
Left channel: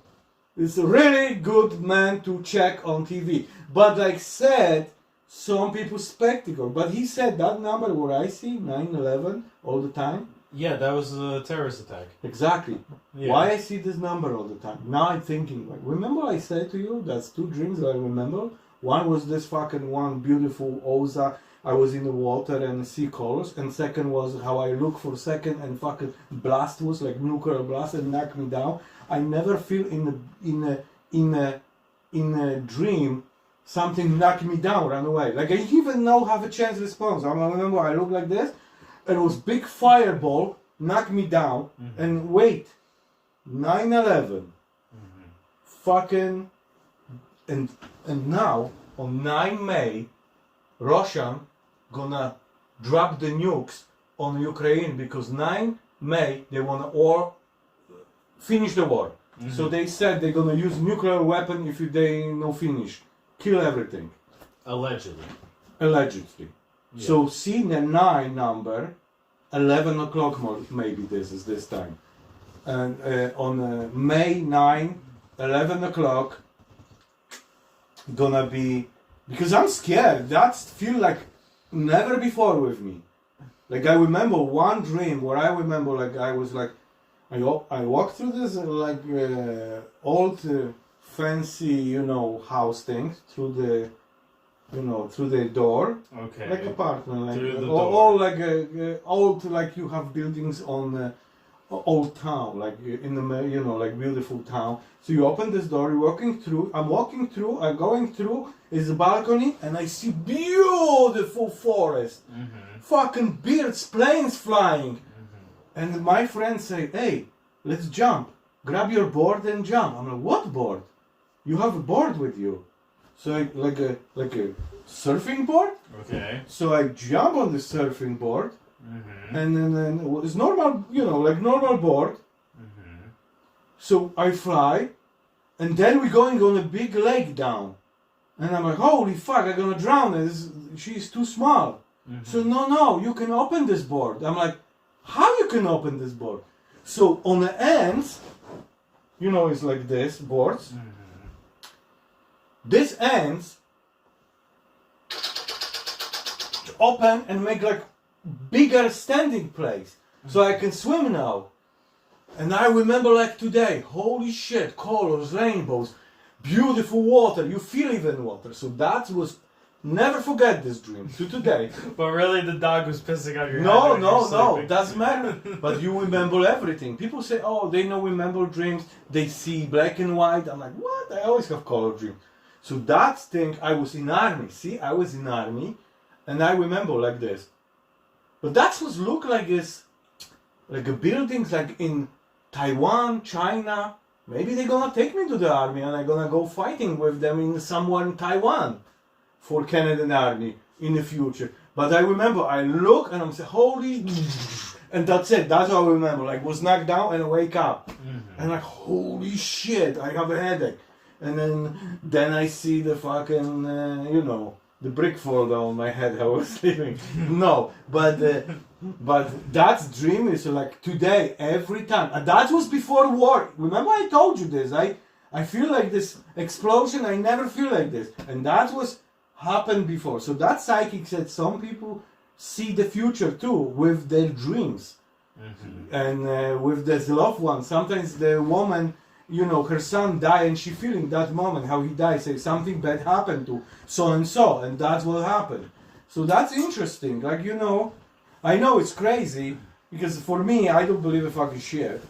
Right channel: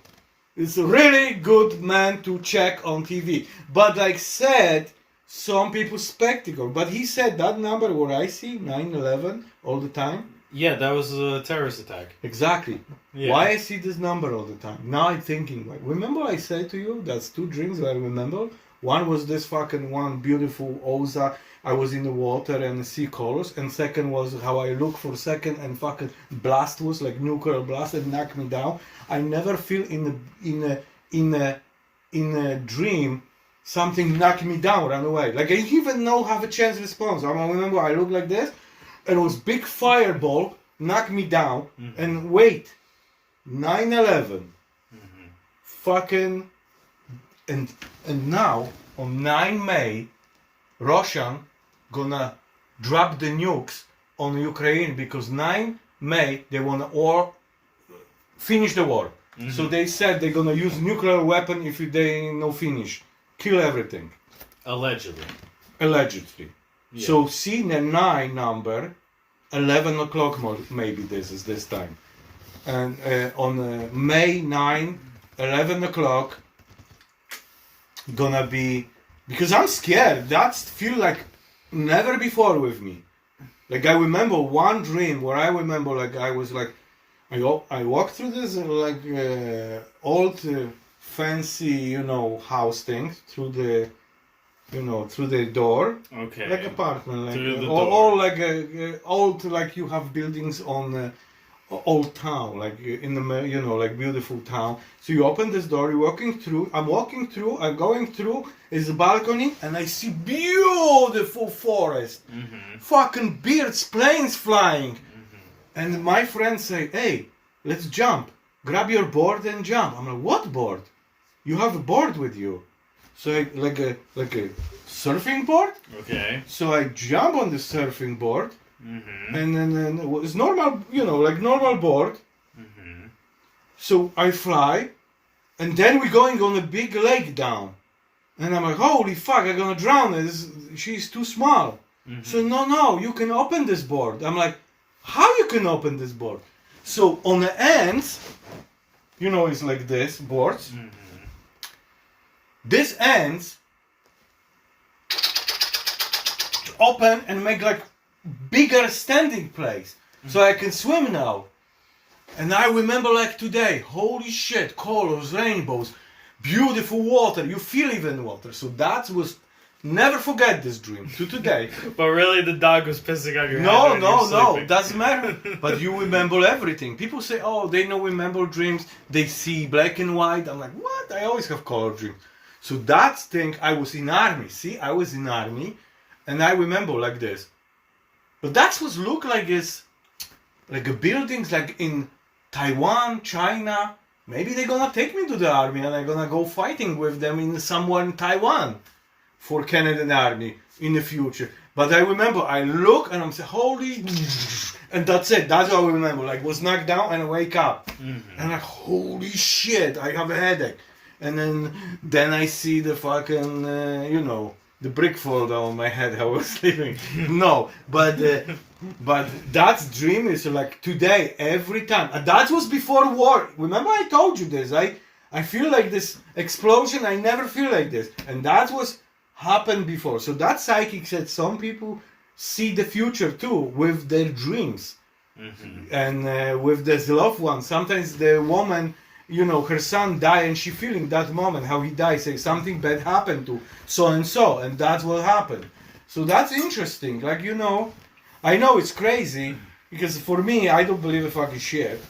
It's a really good man to check on TV. But like said, some people spectacle. But he said that number what I see, 9/11, all the time. Yeah, that was a terrorist attack. Exactly. Yeah. Why I see this number all the time? Now I'm thinking, like, remember I said to you, that's two dreams I remember. One was this fucking one beautiful Oza. I was in the water and see colors. And second was how I look for a second and fucking blast was like nuclear blast and knock me down. I never feel in a dream something knock me down, run away. Like I even know have a chance response. I remember I look like this. And it was big fireball, knock me down, and wait, 9/11, fucking, and now on 9 May, Russian gonna drop the nukes on Ukraine because 9 May they wanna finish the war. So they said they're gonna use nuclear weapon if they no finish, kill everything. Allegedly. Yeah. So see the 9 number, 11 o'clock maybe this is this time. And on May 9, 11 o'clock, gonna be, because I'm scared, that's feel like never before with me. Like I remember one dream where I remember like I was like, I walked through this like old fancy, house thing through the through the door, Okay. like apartment, like Through the or door. like old, like you have buildings old town, like in the like beautiful town. So you open this door, you're walking through. I'm walking through. I'm going through. Is a balcony, and I see beautiful forest, fucking birds, planes flying, and my friends say, "Hey, let's jump. Grab your board and jump." I'm like, "What board? You have a board with you?" So I like a surfing board. Okay. So I jump on the surfing board. And then it's normal, like normal board. So I fly, and then we're going on a big lake down, and I'm like, holy fuck, I'm gonna drown. She's too small. So no, you can open this board. I'm like, how you can open this board? So on the ends, it's like this boards. This ends open and make like bigger standing place, so I can swim now. And I remember like today, holy shit, colors, rainbows, beautiful water. You feel even water. So that was, never forget this dream to today. But really, the dog was pissing on your No, head when you were no, sleeping. doesn't matter. But you remember everything. People say, oh, they know remember dreams. They see black and white. I'm like, what? I always have color dreams. So that thing, I was in army. See, I was in army, and I remember like this. But that was look like this, like a buildings like in Taiwan, China. Maybe they're gonna take me to the army and I'm gonna go fighting with them in somewhere in Taiwan for Canadian army in the future. But I remember I look and I'm saying, holy, and that's it. That's what I remember. Like was knocked down and I wake up, and I'm like, holy shit, I have a headache. And then I see the fucking, the brick fall down my head. I was sleeping. No, but that dream is like today, every time. And that was before war. Remember I told you this. I feel like this explosion. I never feel like this. And that was happened before. So that psychic said some people see the future too with their dreams. And with this loved one. Sometimes the woman, her son died and she feeling that moment how he died, say something bad happened to so and that's what happened. So that's interesting. Like I know it's crazy because for me I don't believe a fucking shit.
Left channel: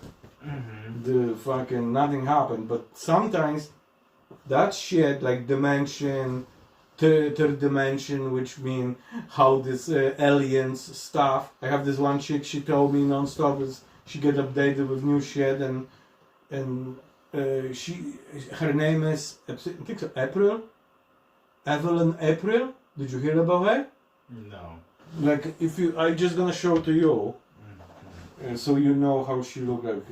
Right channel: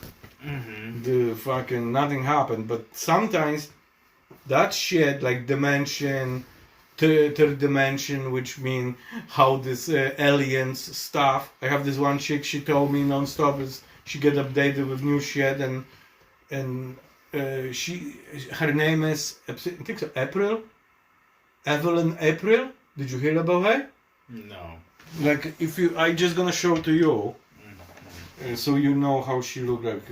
The fucking nothing happened, but sometimes that shit like dimension, third dimension, which mean how this aliens stuff. I have this one chick, she told me non-stop is she get updated with new shit and her name is, I think so, April? Evelyn April? Did you hear about her? No. Like, I just gonna show to you, so you know how she look like.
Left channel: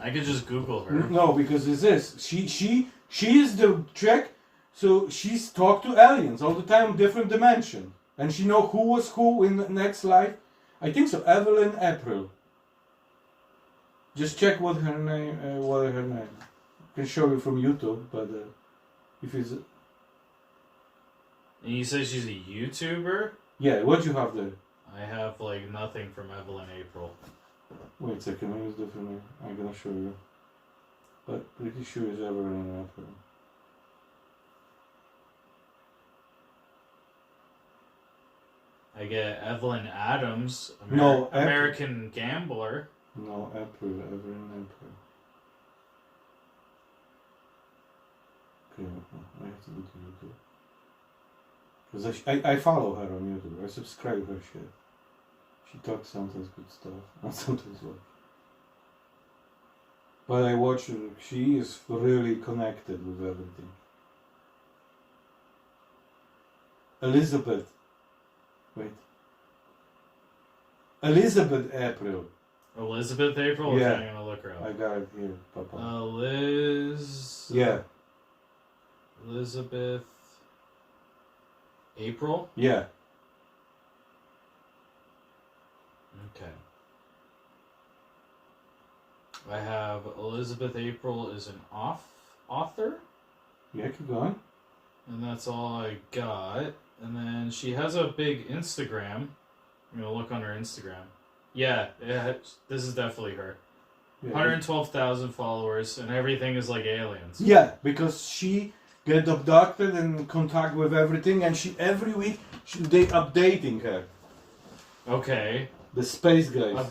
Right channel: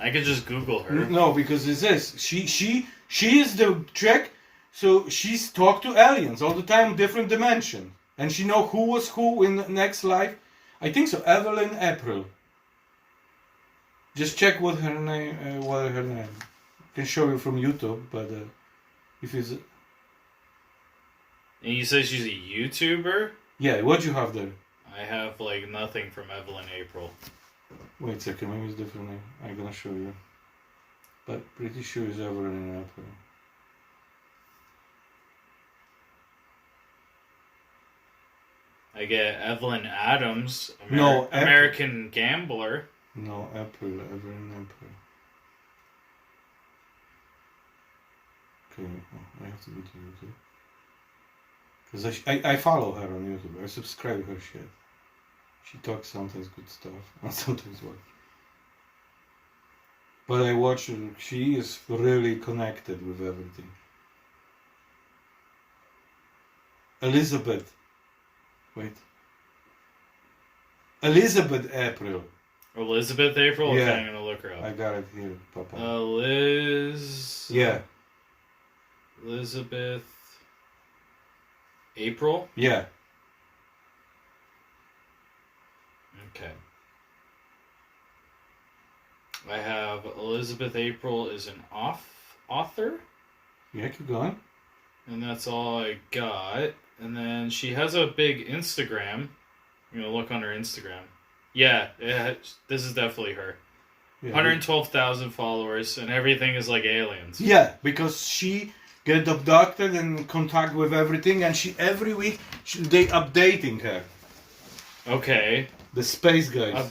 I could just Google her. No, because it's this. She is the chick, so she's talk to aliens all the time, different dimension, and she know who was who in the next life. I think so, Evelyn April. Just check what her name. I can show you from YouTube, but if it's. And you say she's a YouTuber? Yeah, what you have there? I have like nothing from Evelyn April. Wait a second, maybe it's different name. I'm gonna show you. But pretty sure it's Evelyn April. I get Evelyn Adams, No, American Gambler. No, Evelyn April. Okay, I have to go to YouTube. Because I follow her on YouTube. I subscribe her shit. She talks sometimes good stuff, and sometimes what. But I watch her. She is really connected with everything. Elizabeth. Wait. Elizabeth April. Elizabeth April? Yeah. Okay, I'm gonna look her up. I got it here, Papa. Yeah. Yeah. Elizabeth April? Yeah. Okay. I have Elizabeth April is an author, Yeah, keep going. and that's all I got. And then she has a big Instagram. I'm gonna look on her Instagram. Yeah, this is definitely her. Yeah. 112,000 followers, and everything is like aliens. Yeah, because she get abducted and contact with everything, and she every week they updating her. Okay. The space guys.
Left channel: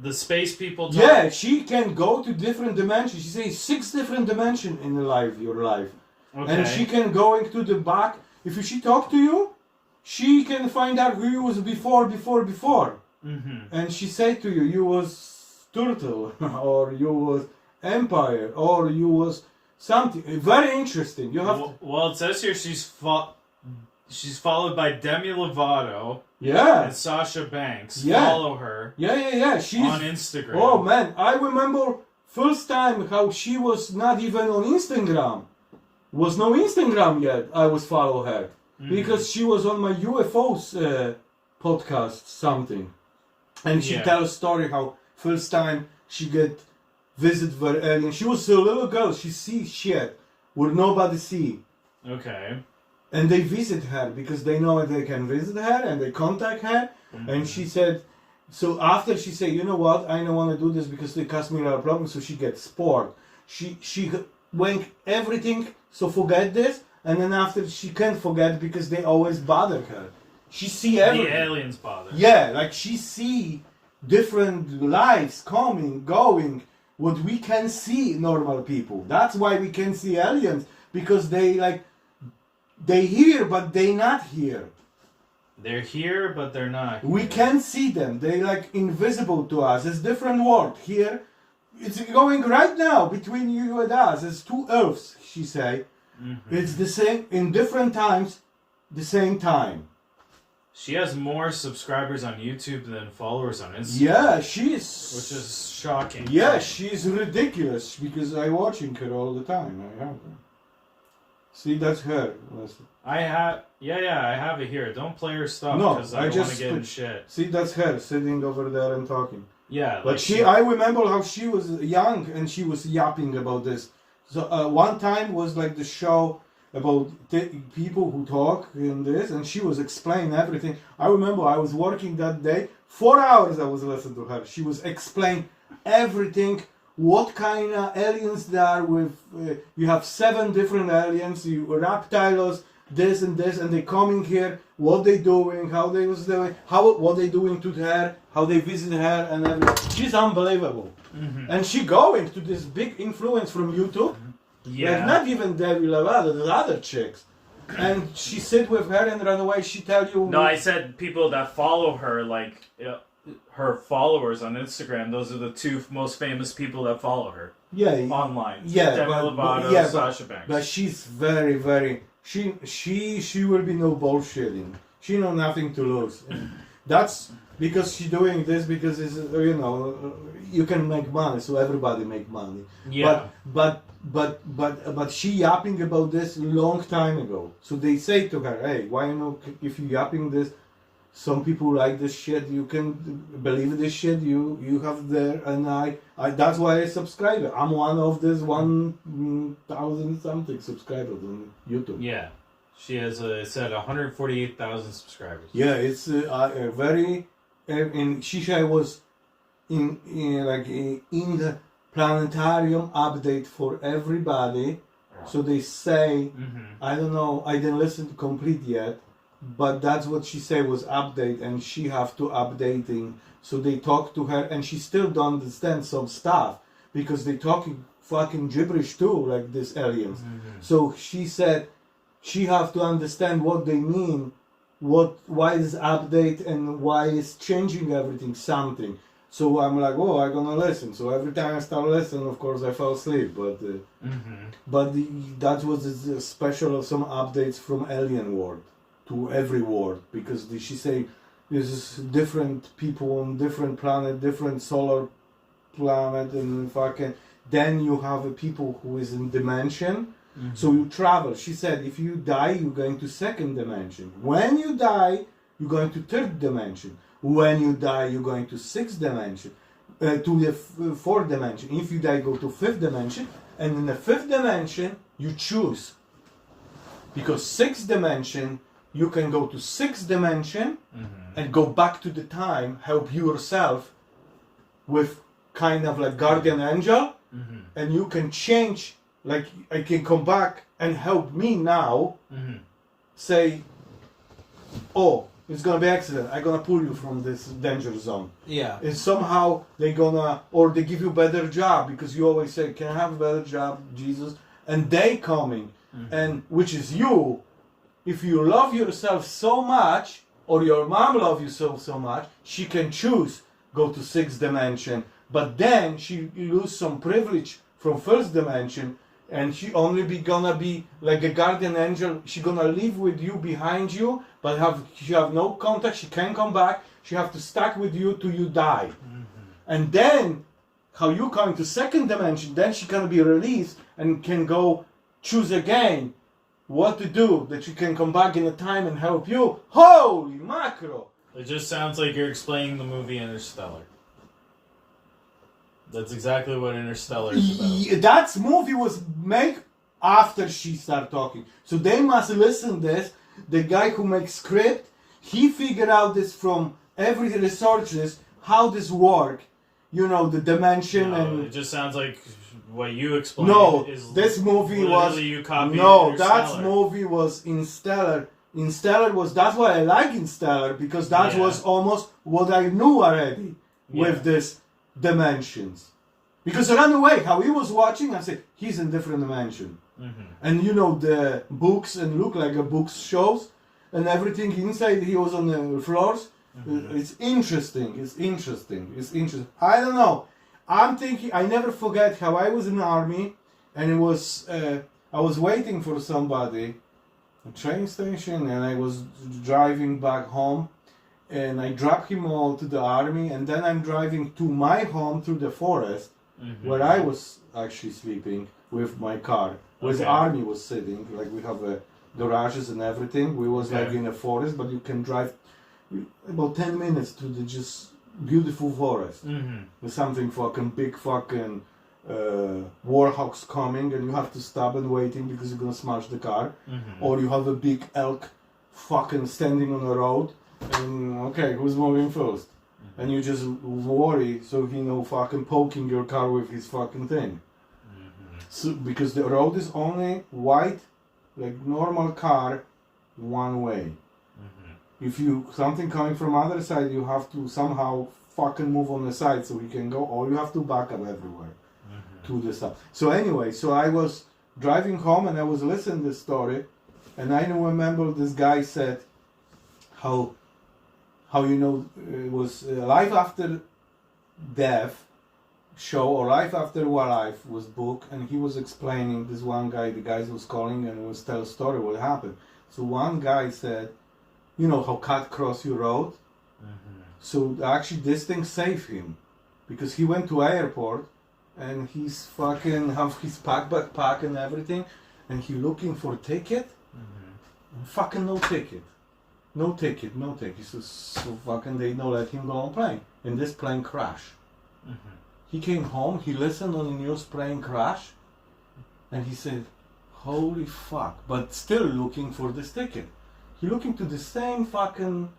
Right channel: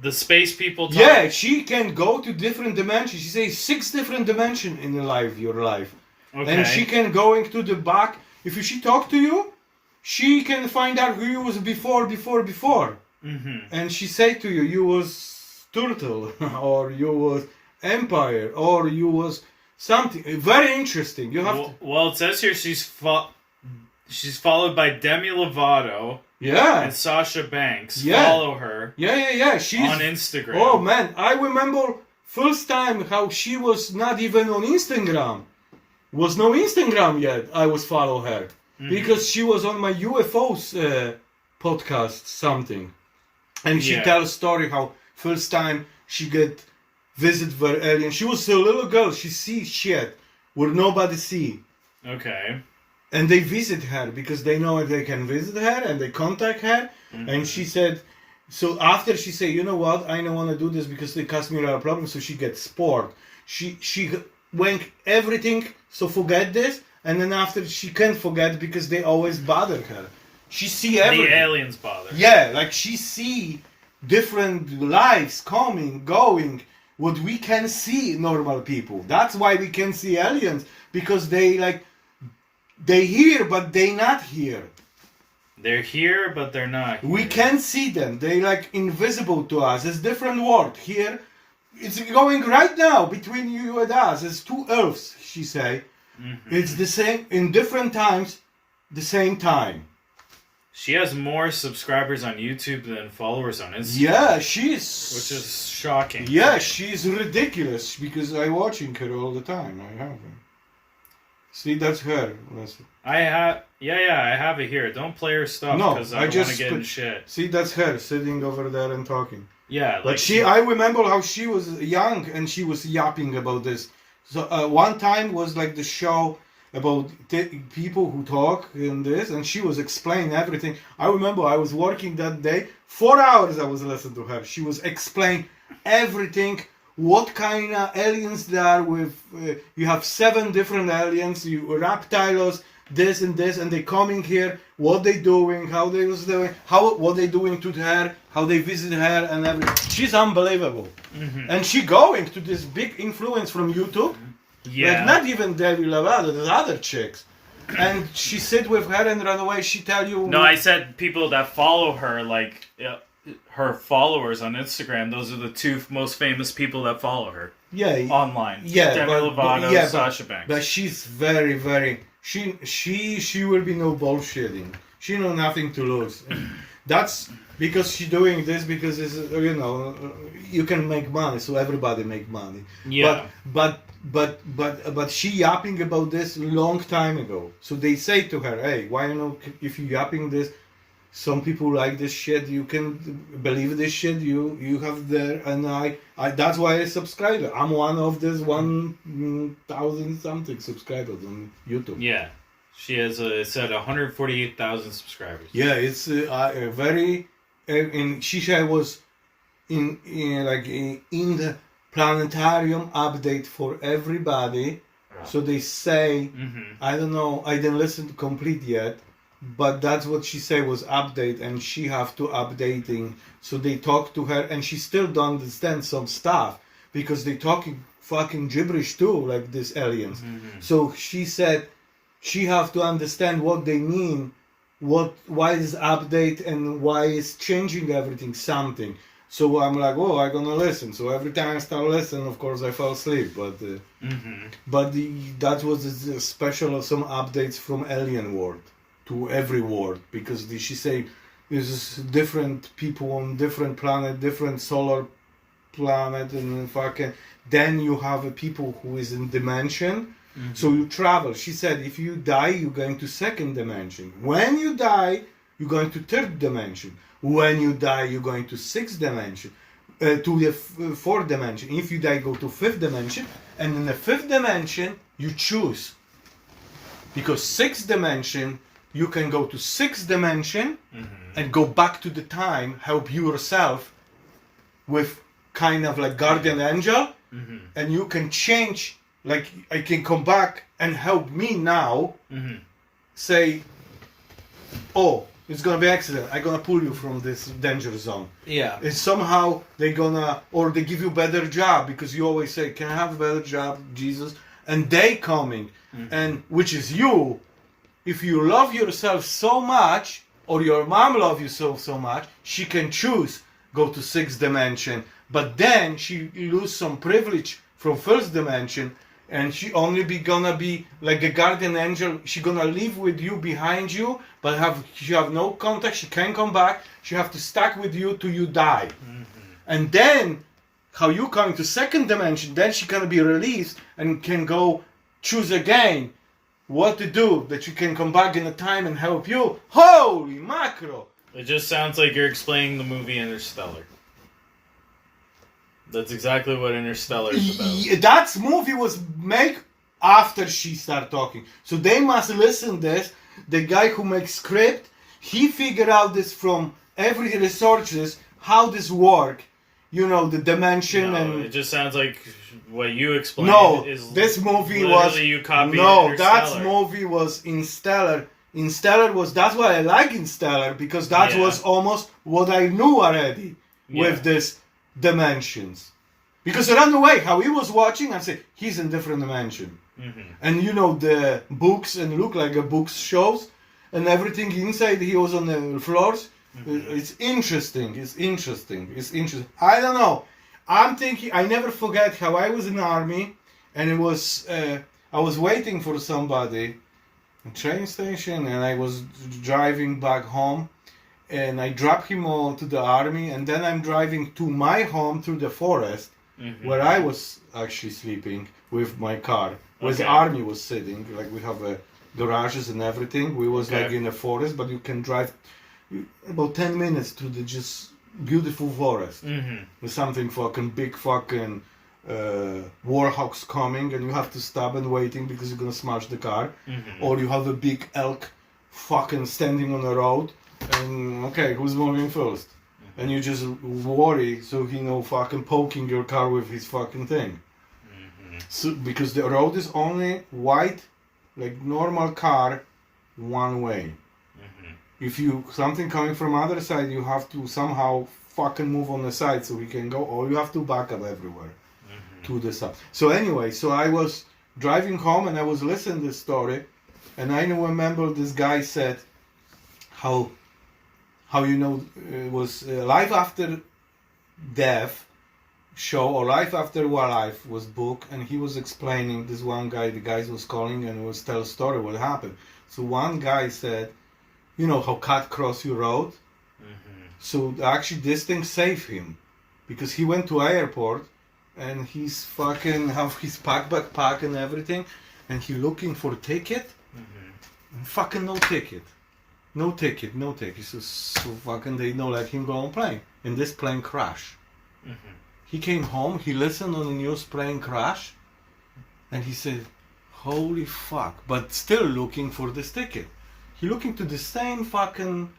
the space people talk. Yeah, she can go to different dimensions. She says 6 different dimensions in your life. Okay. And she can go into the back. If she talk to you, she can find out who you was before. Mm-hmm. And she say to you, you was turtle, or you was empire, or you was something. Very interesting. You have well, it says here she's followed by Demi Lovato yeah. and Sasha Banks. Yeah. Follow her. Yeah. She's on Instagram. Oh man, I remember first time how she was not even on Instagram. Was no Instagram yet. I was follow her because she was on my UFOs podcast something, and she tells story how first time she get visit for alien. She was a little girl. She see shit where nobody see. Okay. And they visit her because they know they can visit her and they contact her. Mm-hmm. And she said, so after she said, you know what, I don't want to do this because they cost me a lot of problems. So she gets sport. She went everything, so forget this. And then after she can't forget because they always bother her. She see everything. The aliens bother. Yeah, like she see different lives coming, going, what we can see normal people. That's why we can see aliens, because they here but they not here. They're here but they're not here. We can see them. They like invisible to us. It's different world. Here it's going right now between you and us. It's 2 earths, she say. Mm-hmm. It's the same in different times, the same time. She has more subscribers on YouTube than followers on Instagram. Yeah, which is shocking. Yeah, she's ridiculous because I'm watching her all the time. I have her. See, that's her. I have it here. Don't play her stuff because I don't want to get in shit. See, that's her sitting over there and talking. Yeah, like I remember how she was young and she was yapping about this. So one time was like the show about people who talk in this, and she was explaining everything. I remember I was working that day, 4 hours I was listening to her. She was explaining everything, what kind of aliens there are with, you have 7 different aliens, you reptiles, this and this, and they coming here, what they doing, how they was doing, what they doing to her, how they visit her, and everything. She's unbelievable. Mm-hmm. And she going to this big influence from YouTube. Yeah. Like not even Debbie Lovato, the other chicks. And she sit with her and right away she tell you... No, I said people that follow her, like her followers on Instagram, those are the 2 most famous people that follow her. Yeah. Online. Yeah. Demi Lovato, Sasha Banks. But she's very, very... She will be no bullshitting. She know nothing to lose. That's because she doing this because it's, you can make money, so everybody make money. Yeah. But she yapping about this long time ago. So they say to her, hey, why if you yapping this, some people like this shit, you can believe this shit, you have there, and I that's why I subscribe. I'm one of this 1,000 something subscribers on YouTube. Yeah. She has it said 148,000 subscribers. Yeah, it's a very and she was in the planetarium update for everybody. So they say, I don't know, I didn't listen to complete yet, but that's what she said was update, and she have to updating. So they talk to her, and she still don't understand some stuff because they talking fucking gibberish too, like these aliens. So she said she have to understand what they mean, why is update and why is changing everything something. So I'm like, oh, I'm gonna listen. So every time I start listening, of course, I fall asleep. But that was a special some updates from alien world to every world, because she say there's different people on different planet, different solar planet, and fucking. Then you have people who is in dimension. So you travel. She said, if you die, you're going to 2nd dimension. When you die, you're going to 3rd dimension. When you die, you're going to 6th dimension, to the 4th dimension. If you die, go to 5th dimension. And in the 5th dimension, you choose. Because 6th dimension, you can go to 6th dimension and go back to the time, help yourself with kind of like guardian angel. And you can change, like I can come back and help me now. Say, oh, it's gonna be accident. I'm gonna pull you from this danger zone. Yeah. And somehow they gonna, or they give you better job because you always say, can I have a better job, Jesus? And they coming, and which is you. If you love yourself so much, or your mom love you so much, she can choose go to 6th dimension, but then she lose some privilege from 1st dimension, and she only gonna be like a guardian angel. She gonna live with you behind you, but she have no contact. She can't come back. She have to stuck with you till you die. And then how you coming to 2nd dimension? Then she gonna be released and can go choose again what to do, that you can come back in a time and help you. Holy macro! It just sounds like you're explaining the movie Interstellar. That's exactly what Interstellar is about. That movie was made after she started talking. So they must listen this. The guy who makes script, he figured out this from every researches, how this work. You know, the dimension and... It just sounds like what you explained is this movie was... you copied No, Interstellar. that movie was Interstellar. Interstellar was... That's why I like Interstellar, because that was almost what I knew already with this dimensions. Because run away, how he was watching and say, he's in different dimension. And you know, the books and look like a books shows and everything inside, he was on the floors. It's interesting. It's interesting. It's interesting. I don't know. I'm thinking. I never forget how I was in the army, and it was. I was waiting for somebody, at train station, and I was driving back home, and I dropped him all to the army, and then I'm driving to my home through the forest, where I was actually sleeping with my car, where the army was sitting. Like we have garages and everything. We was like in a forest, but you can drive about 10 minutes through the just beautiful forest. There's something fucking big fucking warhawks coming, and you have to stop and waiting because you're gonna smash the car. Or you have a big elk fucking standing on the road, and okay, who's moving first? And you just worry, so he fucking poking your car with his fucking thing. So because the road is only wide, like normal car, one way. If you something coming from other side, you have to somehow fucking move on the side so he can go, or you have to back up everywhere to the side. So anyway, so I was driving home and I was listening to this story, and I remember this guy said how it was Life After Death show, or Life After Life was book, and he was explaining this one guy, the guy was calling and was tell a story what happened. So one guy said, you know how cat cross your road? So actually this thing saved him, because he went to airport and he's fucking have his backpack and everything, and he looking for ticket, and fucking no ticket. So fucking they don't let him go on plane, and this plane crash. He came home, he listened on the news, plane crash, and he said, holy fuck, but still looking for this ticket. He looking to the same fucking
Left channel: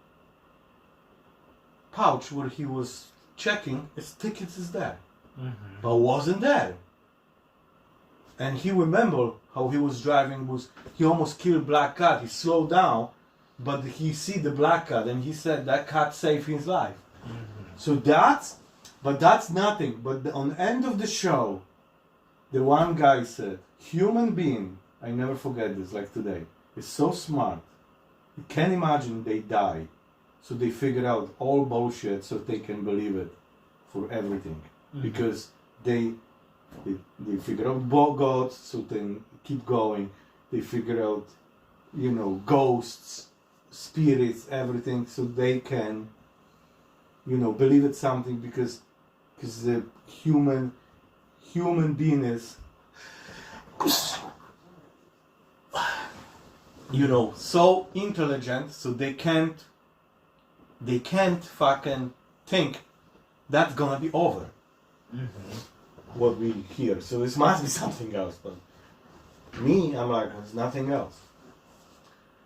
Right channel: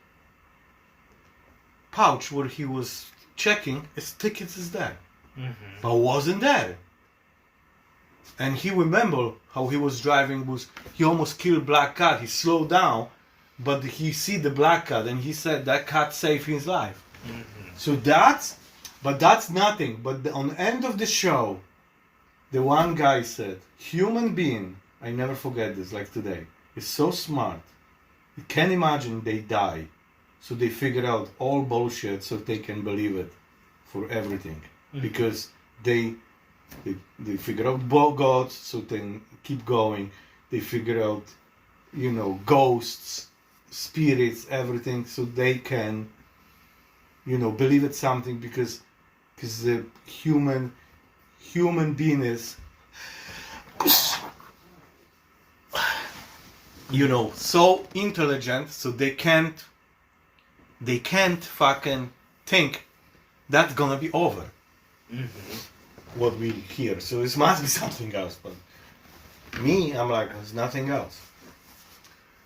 pouch where he was checking, his tickets is there. But wasn't there. And he remember how he was driving, he almost killed black cat. He slowed down, but he see the black cat, and he said that cat saved his life. So that's nothing. But on the end of the show, the one guy said, human being, I never forget this, like today, is so smart. You can't imagine they die. So they figure out all bullshit so they can believe it for everything. Because they figure out gods, so then keep going. They figure out, ghosts, spirits, everything, so they can, believe it's something, because the human being is, so intelligent, so they can't fucking think that's gonna be over. What we hear. So it must be something else. But me, I'm like, there's nothing else.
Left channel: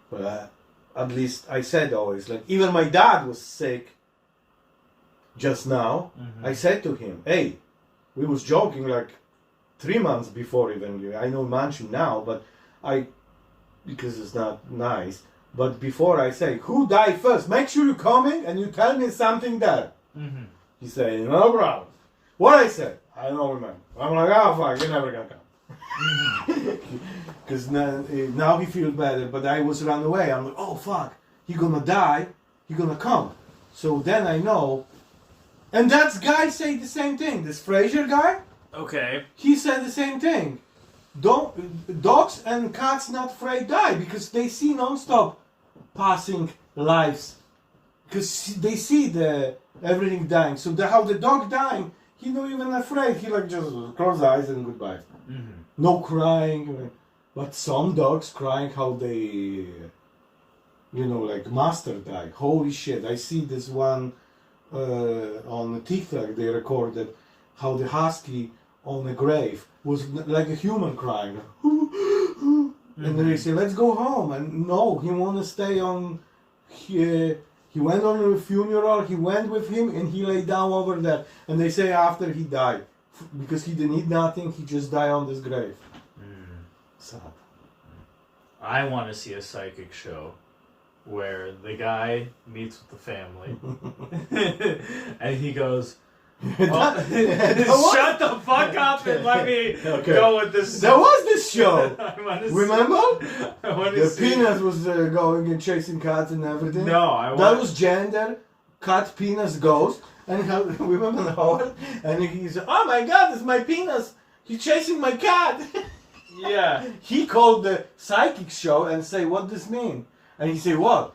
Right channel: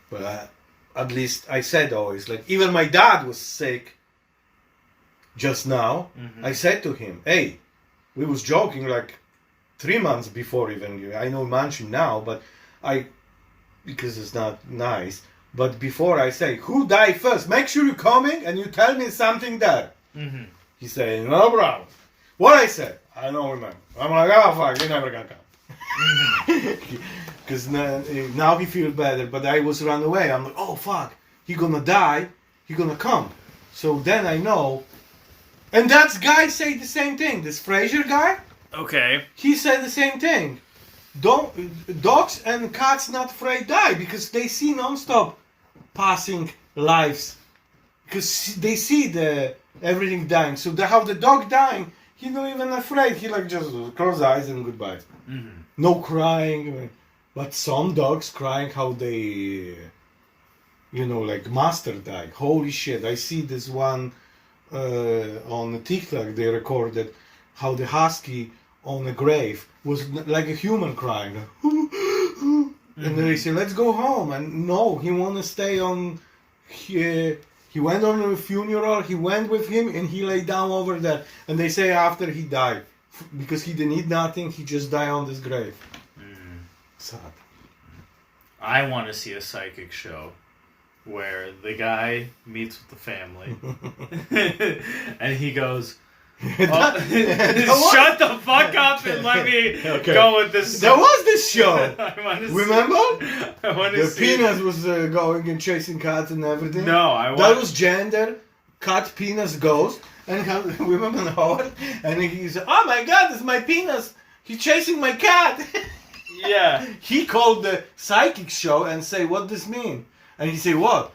But at least I said always, like, even my dad was sick just now. I said to him, hey, we was joking like 3 months before even. I know mention now, but because it's not nice. But before I say, who died first? Make sure you're coming and you tell me something there. Mm-hmm. He said, no problem. What I said, I don't remember. I'm like, oh fuck, you're never gonna come. Because now he feels better, but I was run away. I'm like, oh fuck, he gonna die, he gonna come. So then I know, and that guy say the same thing. This Fraser guy, Okay. he said the same thing. Dogs and cats not afraid die because they see non-stop passing lives, because they see everything dying. So how the dog dying, he not even afraid. He like just close eyes and goodbye. Mm-hmm. No crying. But some dogs crying how they, like master died. Holy shit! I see this one on TikTok. They recorded how the husky on a grave was like a human crying. And then they say, let's go home. And no, he want to stay on. He went on a funeral, he went with him, and he lay down over there. And they say after he died, because he didn't eat nothing, he just died on this grave. Sad. I want to see a psychic show where the guy meets with the family and he goes, shut the fuck up and let me go with this. There was this show. Remember? I want The penis was going and chasing cats and everything. No, that was gender. Cat penis ghost. And remember Howard? And he said, "Oh my God, it's my penis. He's chasing my cat." Yeah. He called the psychic show and say, "What does this mean?" And he said, "What?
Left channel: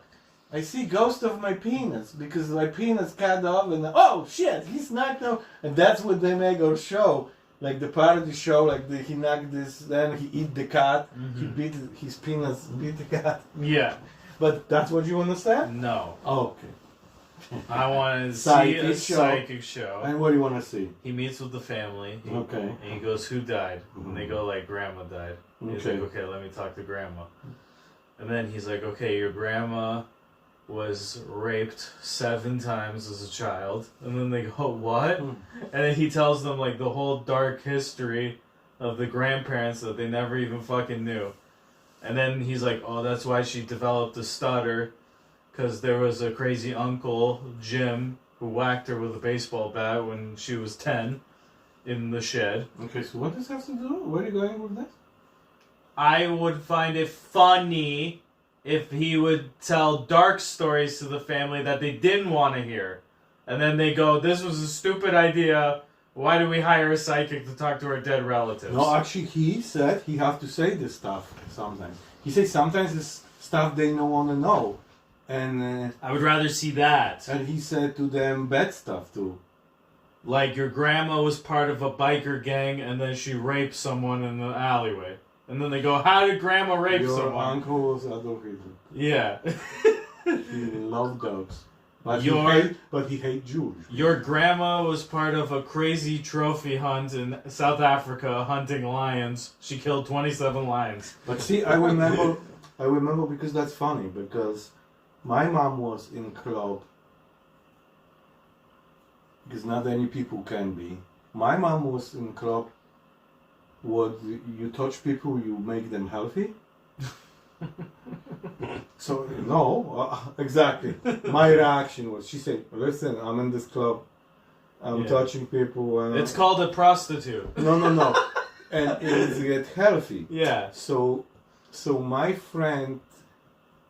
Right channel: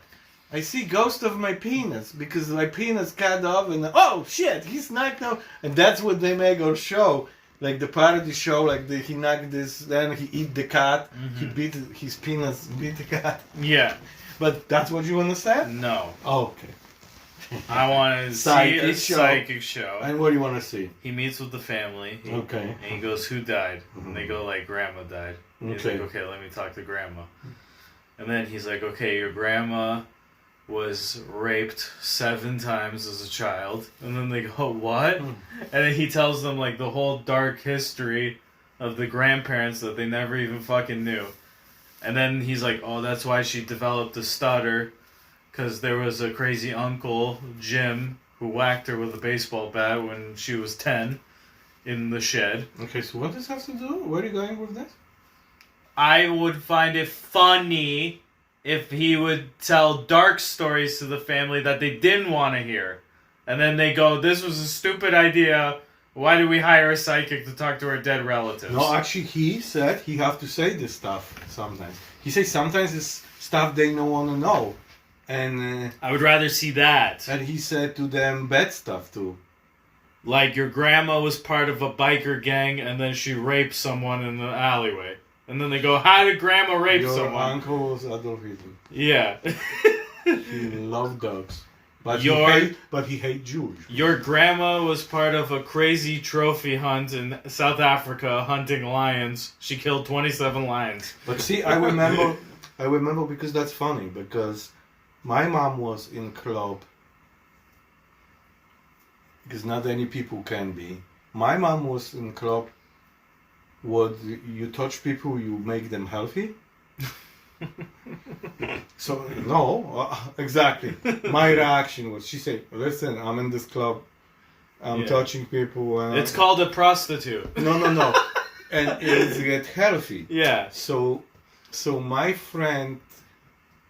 I see ghost of my penis because my penis cut off and oh shit, he sniped now." And that's what they make our show, like the parody show, like he knocked this, then he eat the cat, he beat his penis, beat the cat. Yeah. But that's what you want to say? No. Oh, okay. I want to see a psychic show. And what do you want to see? He meets with the family. Okay. And he goes, "Who died?" And they go like, "Grandma died." And he's like, "Okay, let me talk to Grandma." And then he's like, "Okay, your grandma was raped 7 times as a child." And then they go, "What?" And then he tells them like the whole dark history of the grandparents that they never even fucking knew. And then he's like, "Oh, that's why she developed a stutter, because there was a crazy uncle, Jim, who whacked her with a baseball bat when she was 10 in the shed." Okay, so what does this have to do? Where are you going with this? I would find it funny if he would tell dark stories to the family that they didn't want to hear. And then they go, "This was a stupid idea. Why did we hire a psychic to talk to our dead relatives?" No, actually, he said he have to say this stuff sometimes. He says sometimes it's stuff they don't want to know. And I would rather see that. And he said to them bad stuff too. Like your grandma was part of a biker gang and then she raped someone in the alleyway. And then they go, "How did grandma rape someone?" Your uncle was Adolf Hitler. Yeah. He loved dogs. But he hate Jews. Your grandma was part of a crazy trophy hunt in South Africa hunting lions. She killed 27 lions. But see, I remember because that's funny, because my mom was in club, because not any people can be. My mom was in club. What you touch people, you make them healthy. So no, exactly. My reaction was, she said, "Listen, I'm in this club. I'm touching people. And it's called a prostitute." No, and it's get healthy. Yeah. So my friend,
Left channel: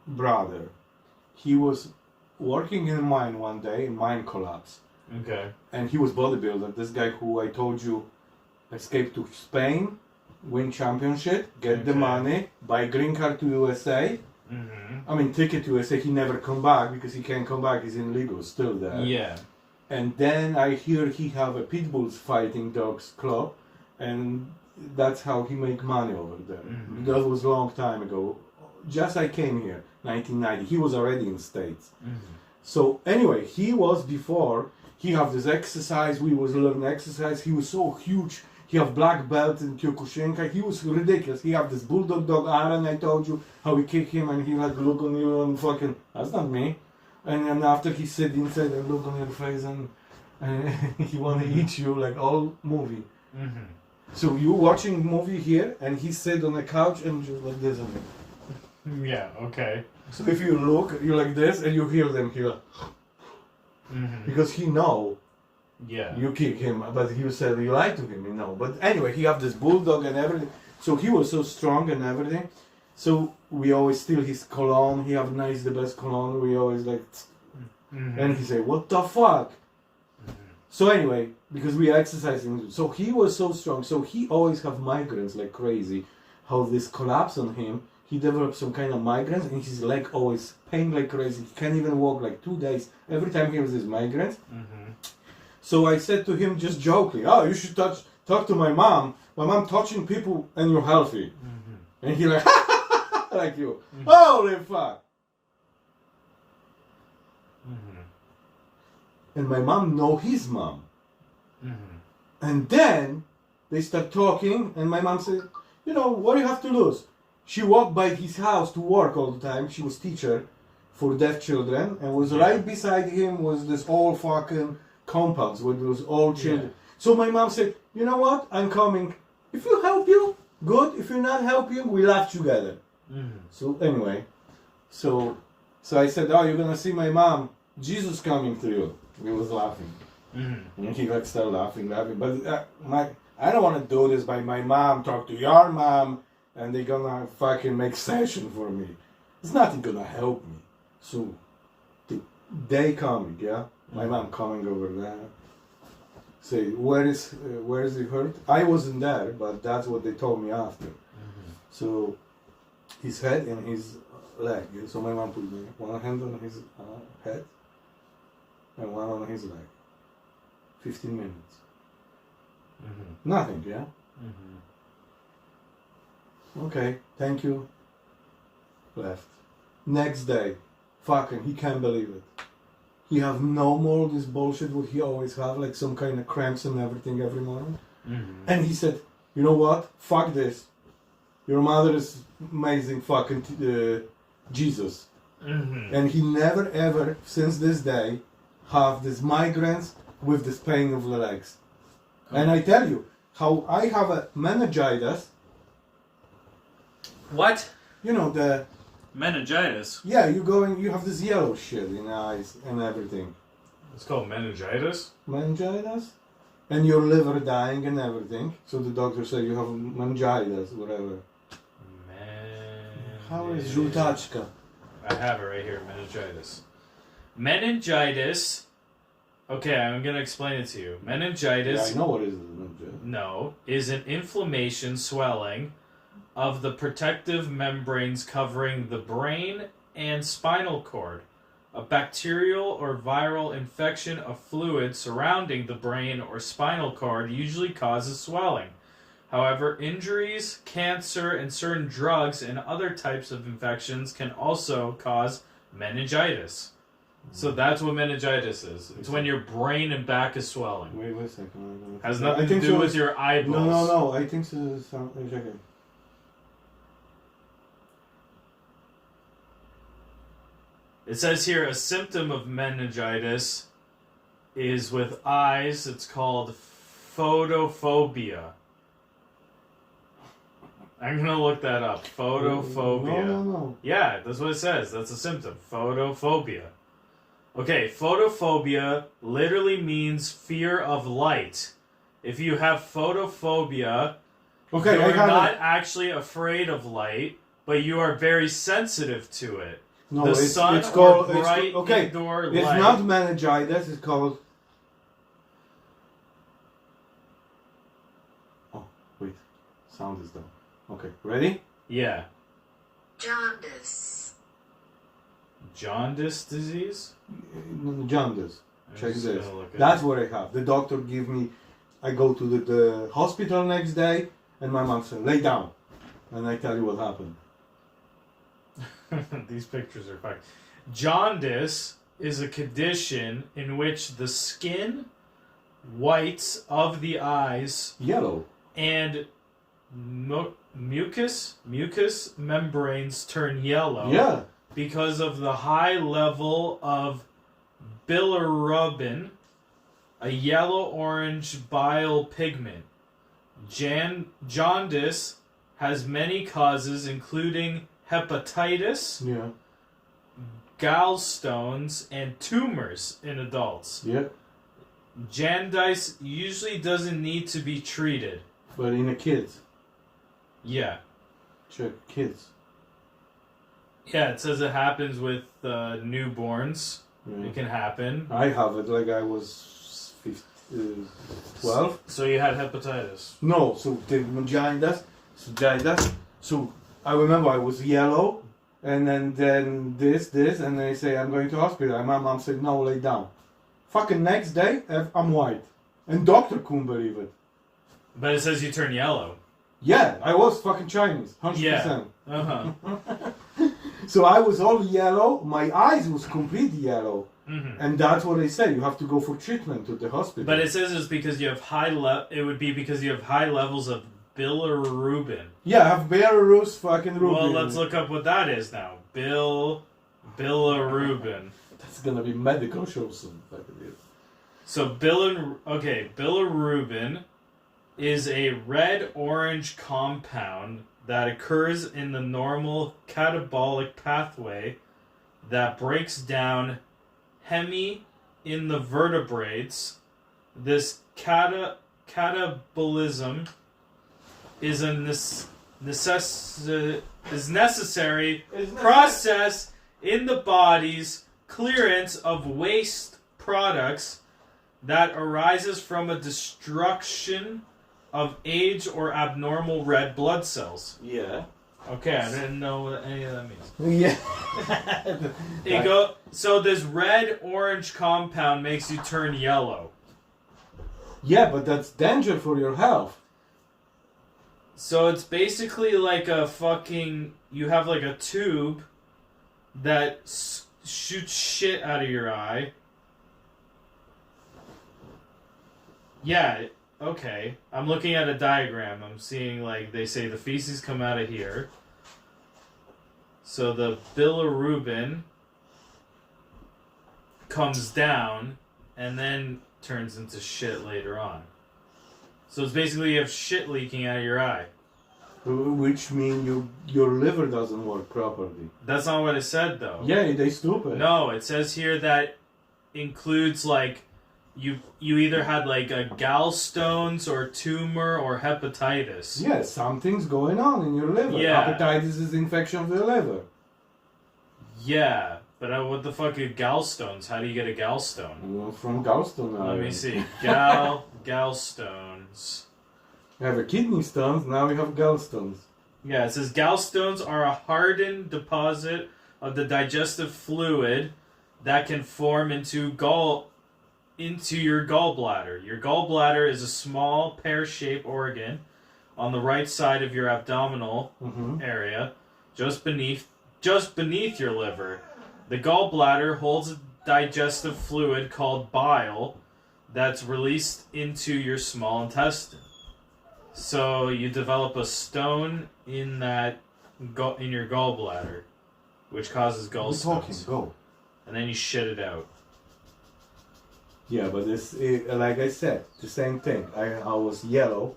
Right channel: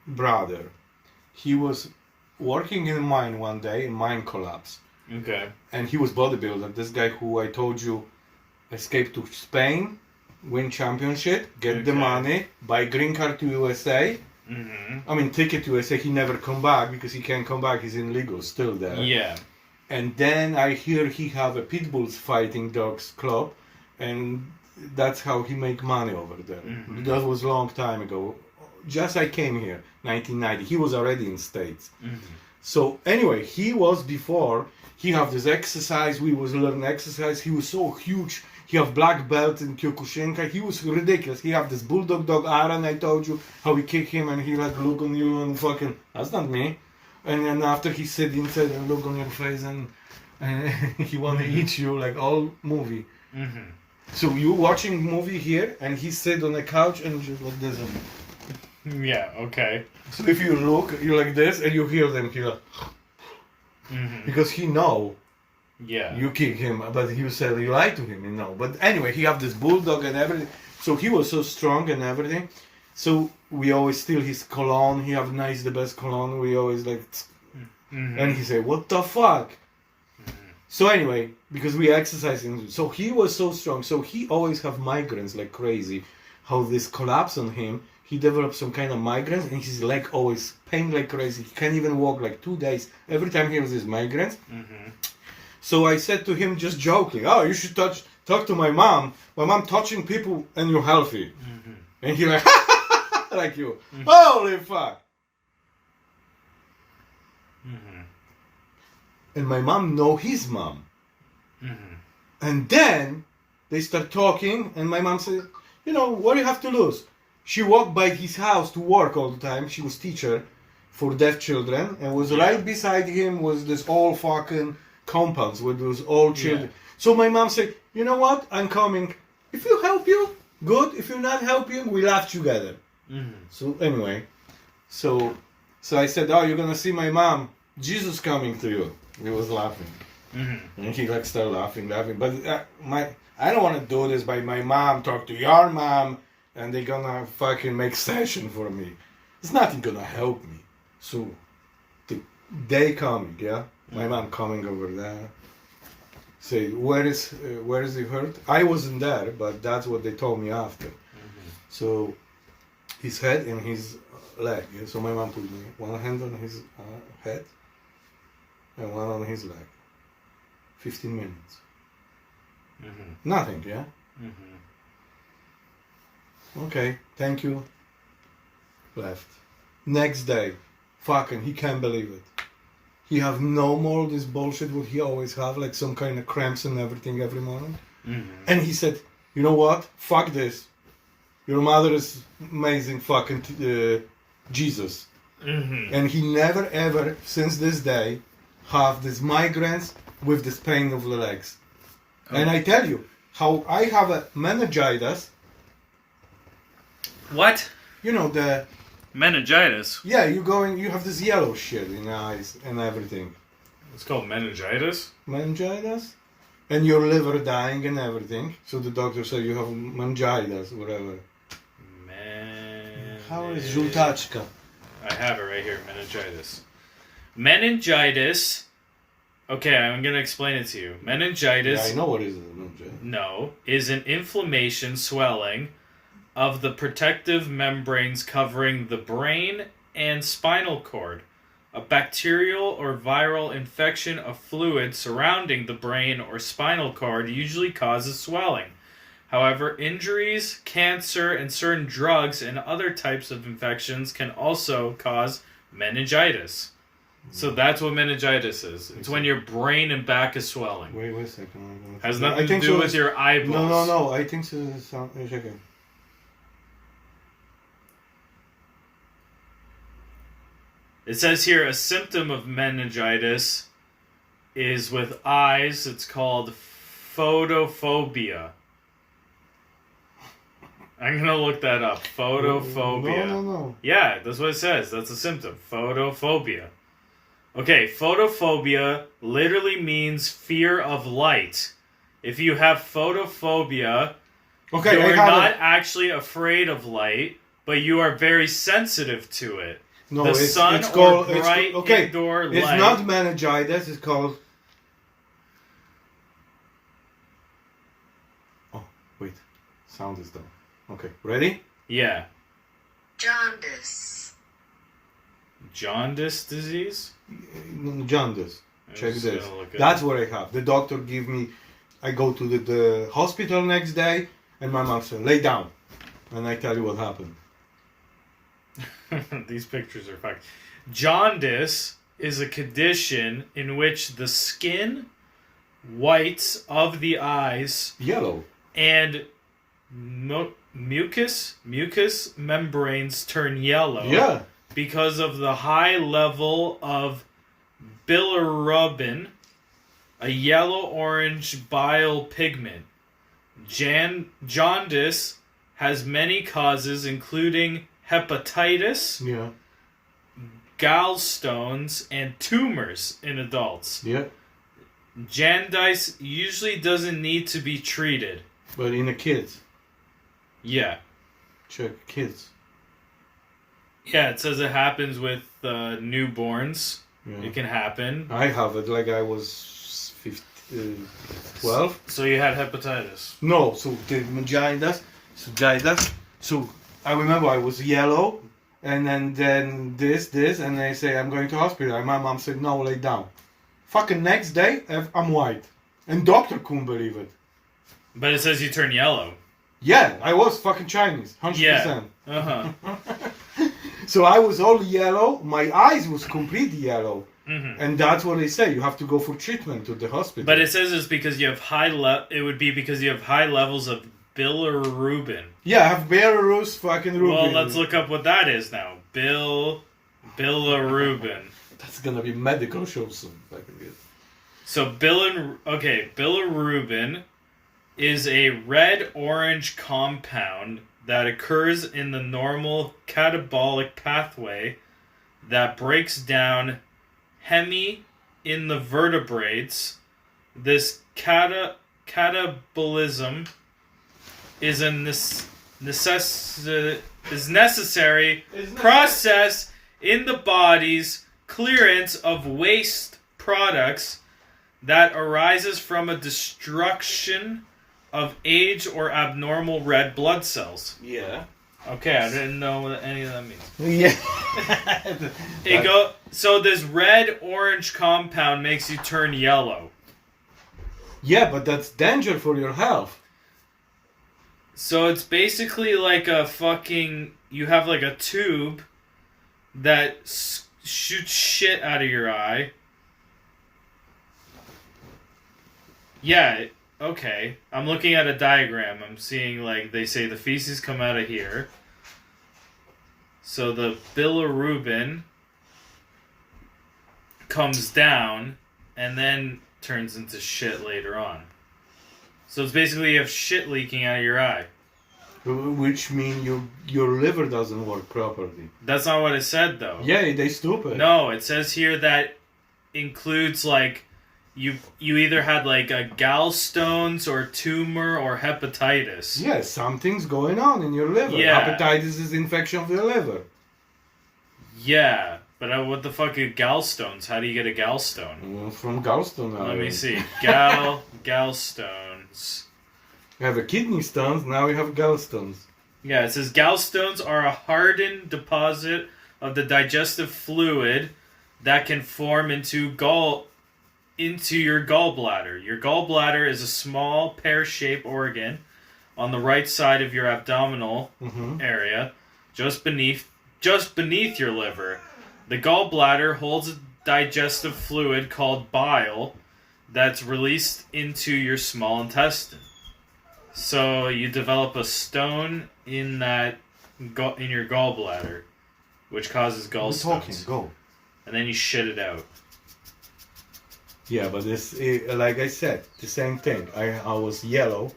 brother, he was working in mine one day, and mine collapsed. Okay. And he was bodybuilder. This guy who I told you escaped to Spain, win championship, get the money, buy green card to USA. I mean, ticket to USA. He never come back because he can't come back. He's illegal still there. Yeah. And then I hear he have a pit bulls fighting dogs club, and that's how he make money over there. That was a long time ago. Just I came here, 1990. He was already in States. So anyway, he was before. He have this exercise. We was learning exercise. He was so huge. He have black belt in Kyokushinkai. He was ridiculous. He have this bulldog dog Aaron. I told you how we kick him and he like look on you and fucking, that's not me. And then after he sit inside and look on your face and he want to eat you like all movie. So you watching movie here and he sit on a couch and just like this. Yeah, okay. So if you look, you're like this, and you hear them here. Mm-hmm. Because he know Yeah. you kick him, but he said you lied to him, you know. But anyway, he have this bulldog and everything. So he was so strong and everything. So we always steal his cologne. He have nice, the best cologne. We always like, Mm-hmm. and he said, "What the fuck?" So anyway, because we exercising, so he was so strong. So he always have migraines like crazy. How this collapse on him, he developed some kind of migraines, and his leg always pain like crazy. He can't even walk like 2 days. Every time he has his migraines. Mm-hmm. So I said to him just joking, "Oh, you should talk to my mom. My mom touching people and you're healthy." Mm-hmm. And he like, like you. Holy fuck. Mm-hmm. And my mom know his mom. Mm-hmm. And then they start talking, and my mom said, "You know, what do you have to lose?" She walked by his house to work all the time. She was teacher for deaf children, and was right beside him was this all fucking compounds with those all children. So my mom said, "You know what? I'm coming. If you help you, good. If you not help you, we laugh together." Mm-hmm. So anyway, so I said, "Oh, you're gonna see my mom. Jesus coming to you." He was laughing, Mm-hmm. and he like started laughing. But I don't want to do this by my mom. Talk to your mom, and they're gonna fucking make session for me. It's nothing gonna help me. So the day coming, yeah, my mom coming over there. Say, where is he hurt? I wasn't there, but that's what they told me after. Mm-hmm. So his head and his leg. Yeah? So my mom put me one hand on his head and one on his leg. 15 minutes. Mm-hmm. Nothing, yeah? Mm-hmm. Okay, thank you. Left. Next day, fucking, he can't believe it. He have no more this bullshit what he always have, like some kind of cramps and everything every morning. Mm-hmm. And he said, "You know what? Fuck this. Your mother is amazing fucking Jesus." Mm-hmm. And he never ever, since this day, have these migraines with this pain of the legs. And I tell you, how I have a meningitis, What? you know, Meningitis? yeah, you have this yellow shit in the eyes and everything. It's called meningitis? Meningitis? And your liver dying and everything. So the doctor said you have meningitis, whatever. How is żółtaczka? I have it right here, meningitis. Meningitis. Okay, I'm gonna explain it to you. Meningitis. Yeah, I know what is meningitis. No, is an inflammation, swelling of the protective membranes covering the brain and spinal cord. A bacterial or viral infection of fluid surrounding the brain or spinal cord usually causes swelling. However, injuries, cancer, and certain drugs and other types of infections can also cause meningitis. So that's what meningitis is. It's when your brain and back is swelling. Wait a second. Has nothing to do with your eyeballs. No. I think so. Okay. It says here a symptom of meningitis is with eyes. It's called photophobia. I'm going to look that up. Photophobia. No. Yeah, that's what it says. That's a symptom. Photophobia. Okay, photophobia literally means fear of light. If you have photophobia, you're not actually afraid of light, but you are very sensitive to it. No, the it's sun called, or bright indoor light. It's not meningitis, it's called... Oh, wait. Sound is down. Okay, ready? Yeah. Jaundice. Jaundice disease? Jaundice. I Check was this. gonna look at That's it. what I have. The doctor give me... I go to the hospital next day, and my mom said, "Lay down." And I tell you what happened. These pictures are fucking. Jaundice is a condition in which the skin, whites of the eyes, Yellow. and mucous membranes turn yellow. Yeah. Because of the high level of bilirubin, a yellow-orange bile pigment. Jaundice has many causes, including hepatitis, Yeah. gallstones, and tumors in adults. Yeah. Jaundice usually doesn't need to be treated. But in the kids. Yeah. Check kids. Yeah, it says it happens with newborns. Yeah. It can happen. I have it like I was 12. So you had hepatitis. No, so the jaundice. So I remember I was yellow, and then this, and they say I'm going to hospital. And my mom said no, lay down. Fucking next day, I'm white, and doctor couldn't believe it. But it says you turn yellow. Yeah, I was fucking Chinese, 100%. Yeah. Uh-huh. So I was all yellow. My eyes was completely yellow, Mm-hmm. and that's what they say. You have to go for treatment to the hospital. But it says it's because you have it would be because you have high levels of bilirubin. Yeah, I have Belarus fucking Rubin. Well, let's look up what that is now. Bilirubin. That's gonna be medical show soon. So bilirubin is a red-orange compound that occurs in the normal catabolic pathway that breaks down heme in the vertebrates. This catabolism is a necessary process in the body's clearance of waste products that arises from a destruction of aged or abnormal red blood cells. Yeah. Okay, I didn't know what any of that means. Yeah. So this red-orange compound makes you turn yellow. Yeah, but that's danger for your health. So it's basically like you have like a tube that shoots shit out of your eye. Yeah, okay. I'm looking at a diagram. I'm seeing like they say the feces come out of here. So the bilirubin comes down and then turns into shit later on. So it's basically you have shit leaking out of your eye. Which means your liver doesn't work properly. That's not what it said though. Yeah, they stupid. No, it says here that includes like you either had like a gallstones or tumor or hepatitis. Yeah, something's going on in your liver. Yeah. Hepatitis is infection of the liver. Yeah, but what the fuck are gallstones? How do you get a gallstone? From gallstone. Let me see. Gallstones. You have a kidney stones, now we have gallstones. Yeah, it says gallstones are a hardened deposit of the digestive fluid that can form into your gallbladder. Your gallbladder is a small pear-shaped organ on the right side of your abdominal area, just beneath your liver. The gallbladder holds a digestive fluid called bile that's released into your small intestine. So you develop a stone in your gallbladder, which causes gallstones. Go. And then you shit it out. Yeah, but this, like I said, the same thing. I was yellow.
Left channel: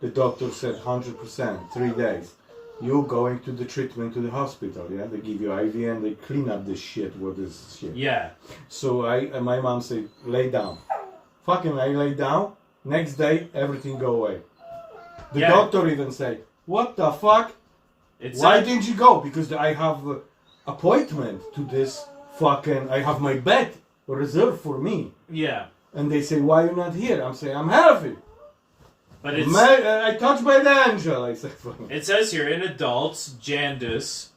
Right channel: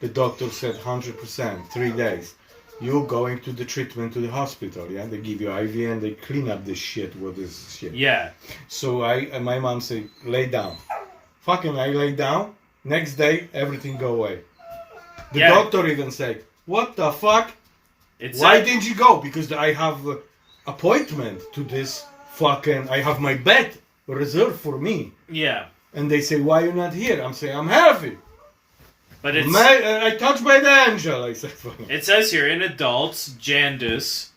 The doctor said 100%, 3 days. You going to the treatment to the hospital, yeah? They give you IV and they clean up this shit. What is shit? Yeah. So my mom said, lay down. Fucking I lay down. Next day, everything go away. The doctor even said, what the fuck? Why didn't you go? Because I have appointment to this fucking, I have my bed reserved for me. Yeah. And they say, why you not here? I'm saying, I'm healthy. But it's... I touched by the angel, I said. It says here, in adults, jaundice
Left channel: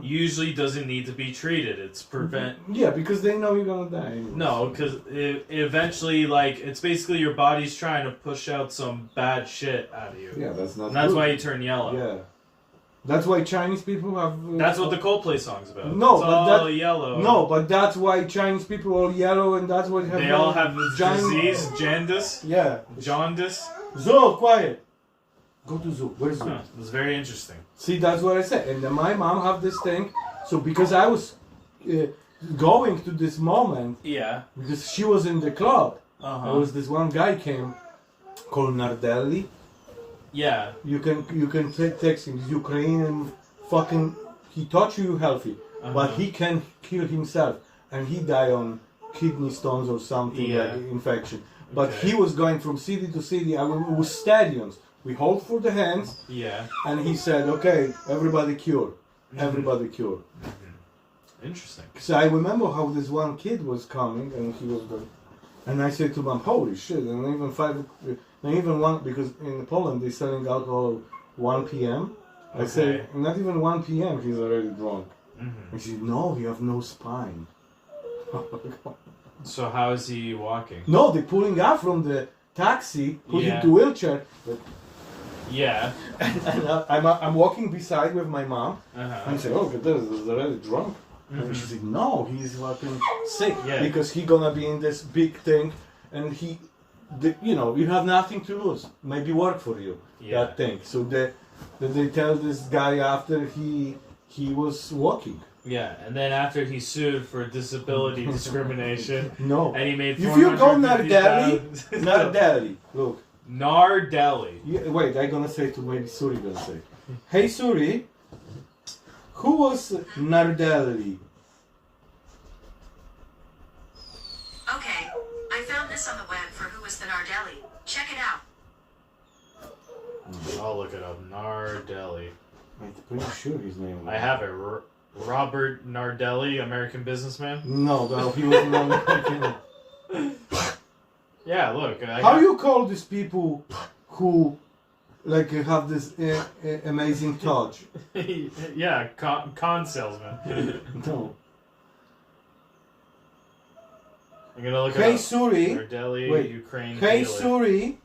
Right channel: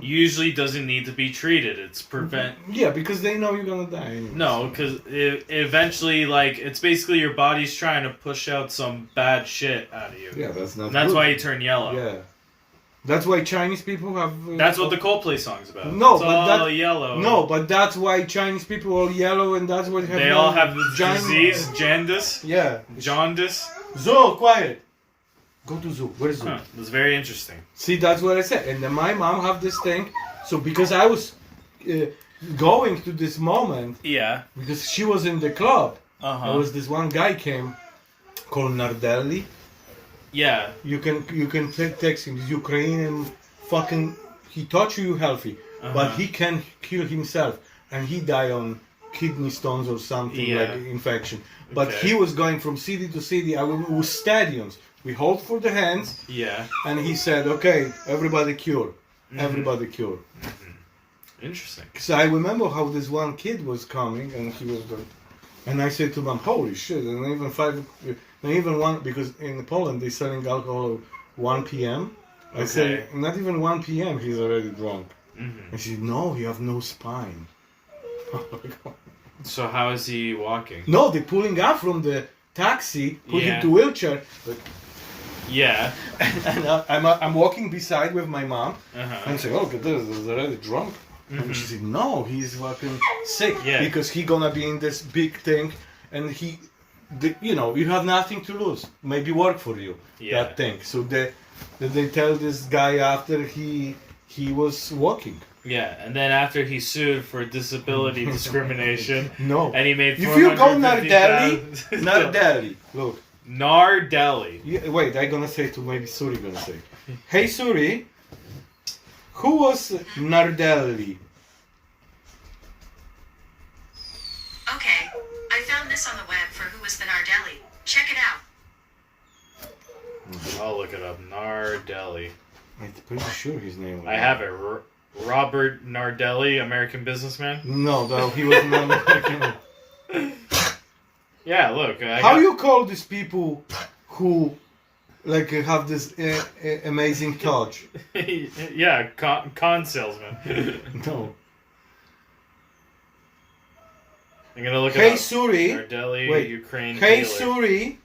usually doesn't need to be treated. It's prevent... Yeah, because they know you're gonna die anyway. No, because eventually, like, it's basically your body's trying to push out some bad shit out of you. Yeah, that's not And that's good. why you turn yellow. Yeah. That's why Chinese people have... That's what the Coldplay song's about. No, it's but all yellow. No, but that's why Chinese people are yellow and that's what... They all have this disease, jaundice. Yeah. Jaundice. Zoo, quiet. Go to zoo. Where's zoo? Huh, that's very interesting. See, that's what I said. And then my mom have this thing. So because I was going to this moment... Yeah. Because she was in the club. There was this one guy came called Nardelli. Yeah. You can text him. He's Ukrainian fucking he touch you healthy, but he can kill himself, and he died on kidney stones or something like infection. But he was going from city to city. I was stadiums. We hold for the hands. Yeah. And he said, "Okay, everybody cure, everybody cure." Interesting. So I remember how this one kid was coming, and he was going, and I said to him, "Holy shit!" And even one, because in Poland they're selling alcohol 1 p.m. I said, "Not even 1 p.m. He's already drunk." He said, "No, you have no spine." So how is he walking? No, they're pulling up from the taxi, put him to wheelchair. But, and I'm walking beside with my mom, and I say, "Oh, look at this, he's already drunk." And she said, "No, he's fucking sick because he gonna be in this big thing, and you have nothing to lose. Maybe work for you that thing." So they tell this guy after he was walking. Yeah, and then after he sued for disability discrimination, and he made if you go Nardelli, look. Nardelli. Wait, I'm gonna say to maybe Suri gonna say, "Hey Suri, who was Nardelli?" Okay, I found this on the web for who was the Nardelli. Check it out. I'll look it up. Nardelli. I'm pretty sure his name was. I have it. Robert Nardelli, American businessman? No, he was an American. Yeah, look. How you call these people who like have this amazing touch? Yeah, con salesman. No. I'm gonna look Hey it up. Suri. Nardelli, Ukraine. Hey healer. Suri,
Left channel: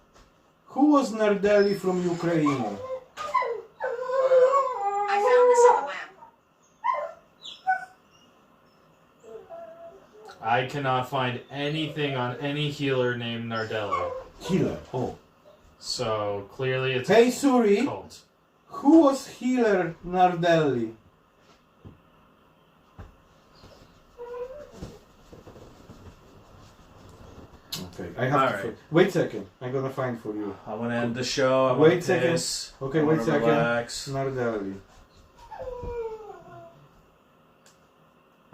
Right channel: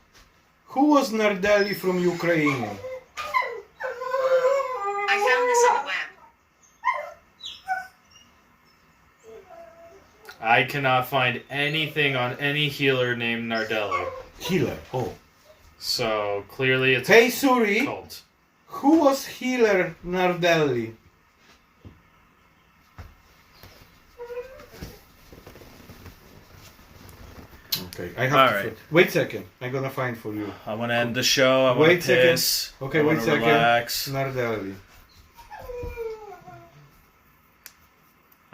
who was Nardelli from Ukraine? I found this on the web. I cannot find anything on any healer named Nardelli. Healer. Oh. So clearly it's Hey Suri, cult. who was healer Nardelli? Okay, I have to. Wait a second. I'm gonna find for you. I want to end the show. I want Wait to second. piss. Okay, I wait a wanna second. relax. Nardelli.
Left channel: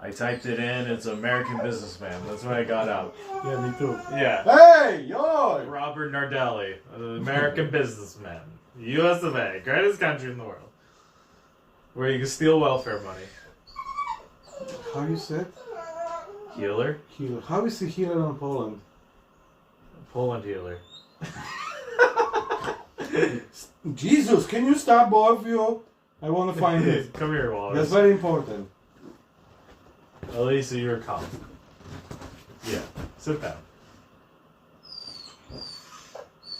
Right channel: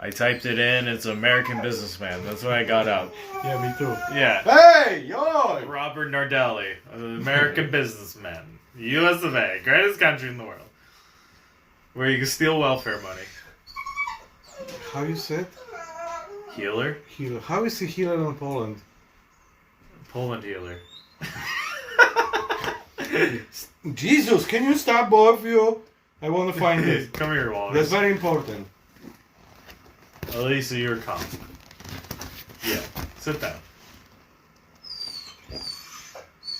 I typed it in. It's American businessman. That's what I got out. Yeah, me too. Yeah. Hey, yo! Robert Nardelli, an American businessman. U.S. of A., greatest country in the world. Where you can steal welfare money. How you said? Healer? Healer. How is he healer in Poland? Poland healer. Jesus, can you stop both of you? I want to find this. Come here, Walter. That's very important. Elisa, you're calm. Yeah, sit down.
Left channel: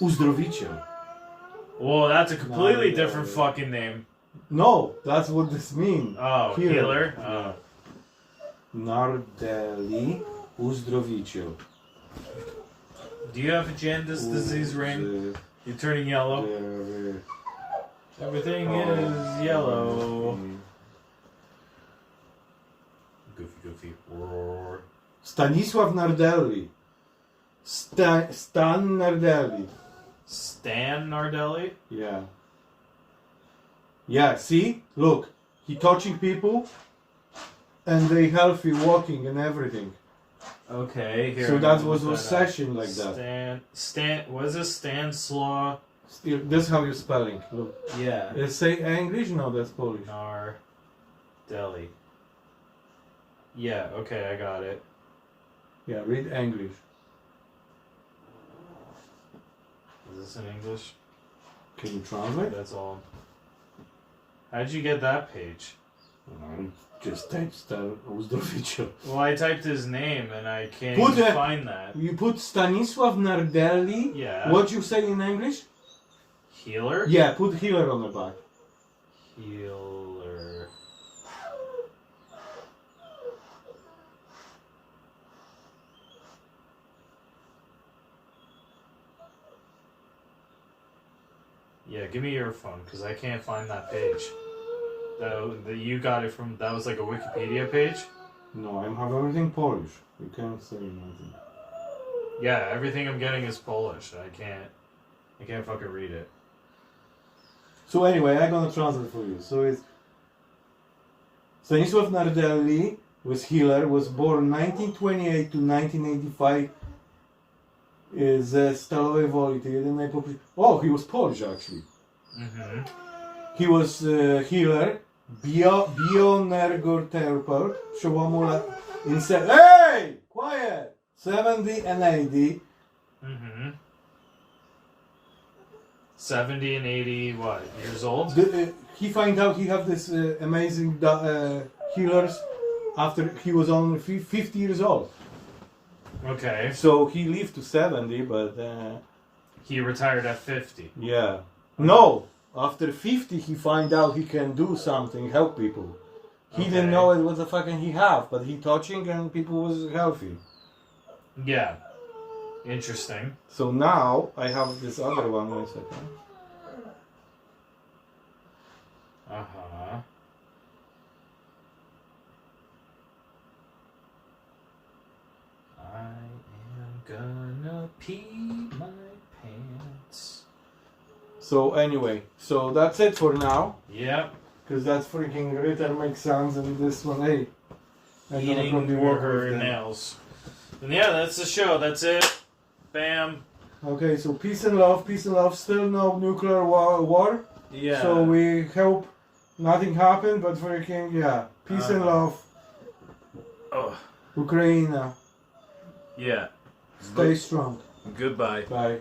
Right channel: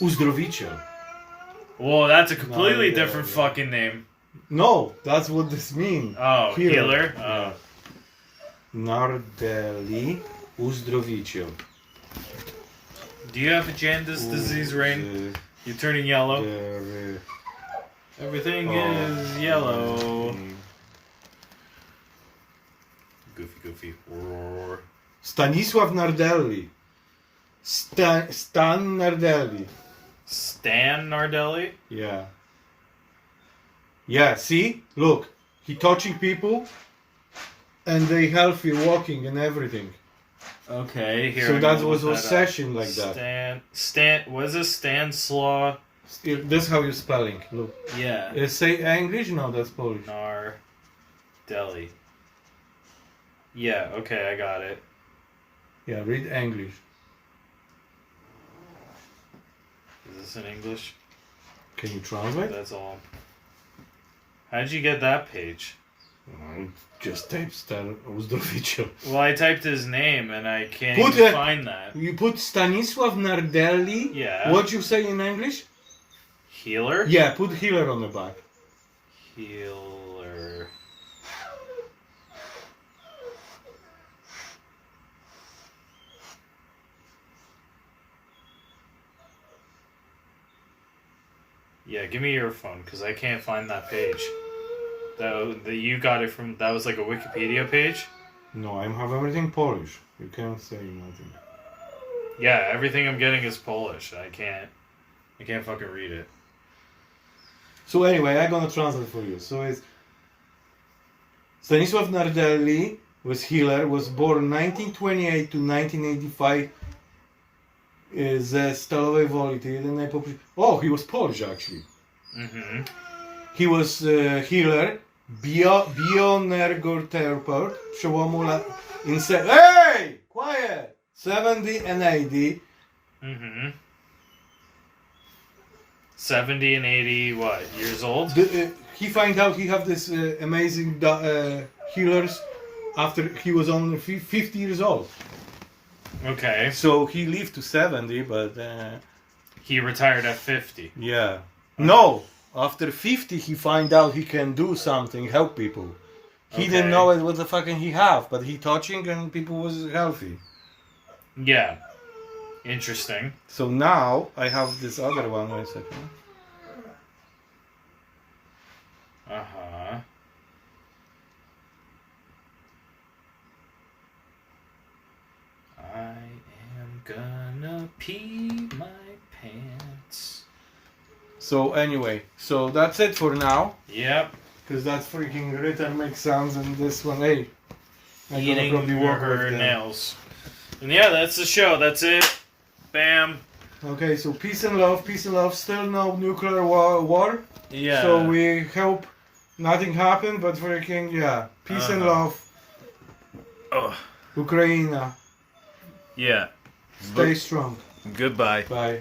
Uzdrowiciel. Whoa, that's a completely No, different fucking name. No, that's what this means. Oh, healer? Yeah. Nardelli Uzdrowiciel. Do you have a Jaundice disease, Rain? You're turning yellow. Everything is yellow. Goofy. Roar. Stanisław Nardelli. Stan Nardelli. Stan Nardelli? Yeah. Yeah, see? Look. He touching people and they healthy walking and everything. Okay, here. So that was a session like that. What is this? Stanislaw? That's how you're spelling. Look. Yeah. Say English? No, that's Polish. Nardelli. Yeah, okay, I got it. Yeah, read English. Is this in English? Can you translate? That's all. How'd you get that page? Just type Stan Uzdrowiciel. Well, I typed his name and I can't even find that. You put Stanisław Nardelli. Yeah. What you say in English? Healer? Yeah, put healer on the back. Healer. Yeah, give me your phone because I can't find that page. That you got it from. That was like a Wikipedia page. No, I have everything Polish. You can't say nothing. Yeah, everything I'm getting is Polish. I can't fucking read it. So anyway, I'm gonna translate for you. So it's Stanisław Nardelli was healer, was born 1928 to 1985 ze Stalowej Woli. Oh, he was Polish actually. Mhm. He was healer, bioenergoterapeut, przełomu hey! Quiet! 70 and 80. Mhm. 70 and 80, what, years old? He find out he have this amazing healers after he was only 50 years old. Okay. So he lived to 70, but He retired at 50. yeah. No, after 50 he find out he can do something, help people. He didn't know what the fucking he have, but he touching and people was healthy. Yeah. Interesting. So now I have this other one. Wait a second. Uh-huh. I am gonna pee my pants. So anyway, so that's it for now. Yep. Because that freaking written makes sounds and this one, hey. I'm gonna Eating probably work her with them. nails. And yeah, that's the show. That's it. Bam. Okay, so peace and love, peace and love. Still no nuclear war. Yeah. So we hope nothing happened, but freaking, yeah. Peace and love. Ugh. Ukraine. Yeah. Stay strong. Goodbye. Bye.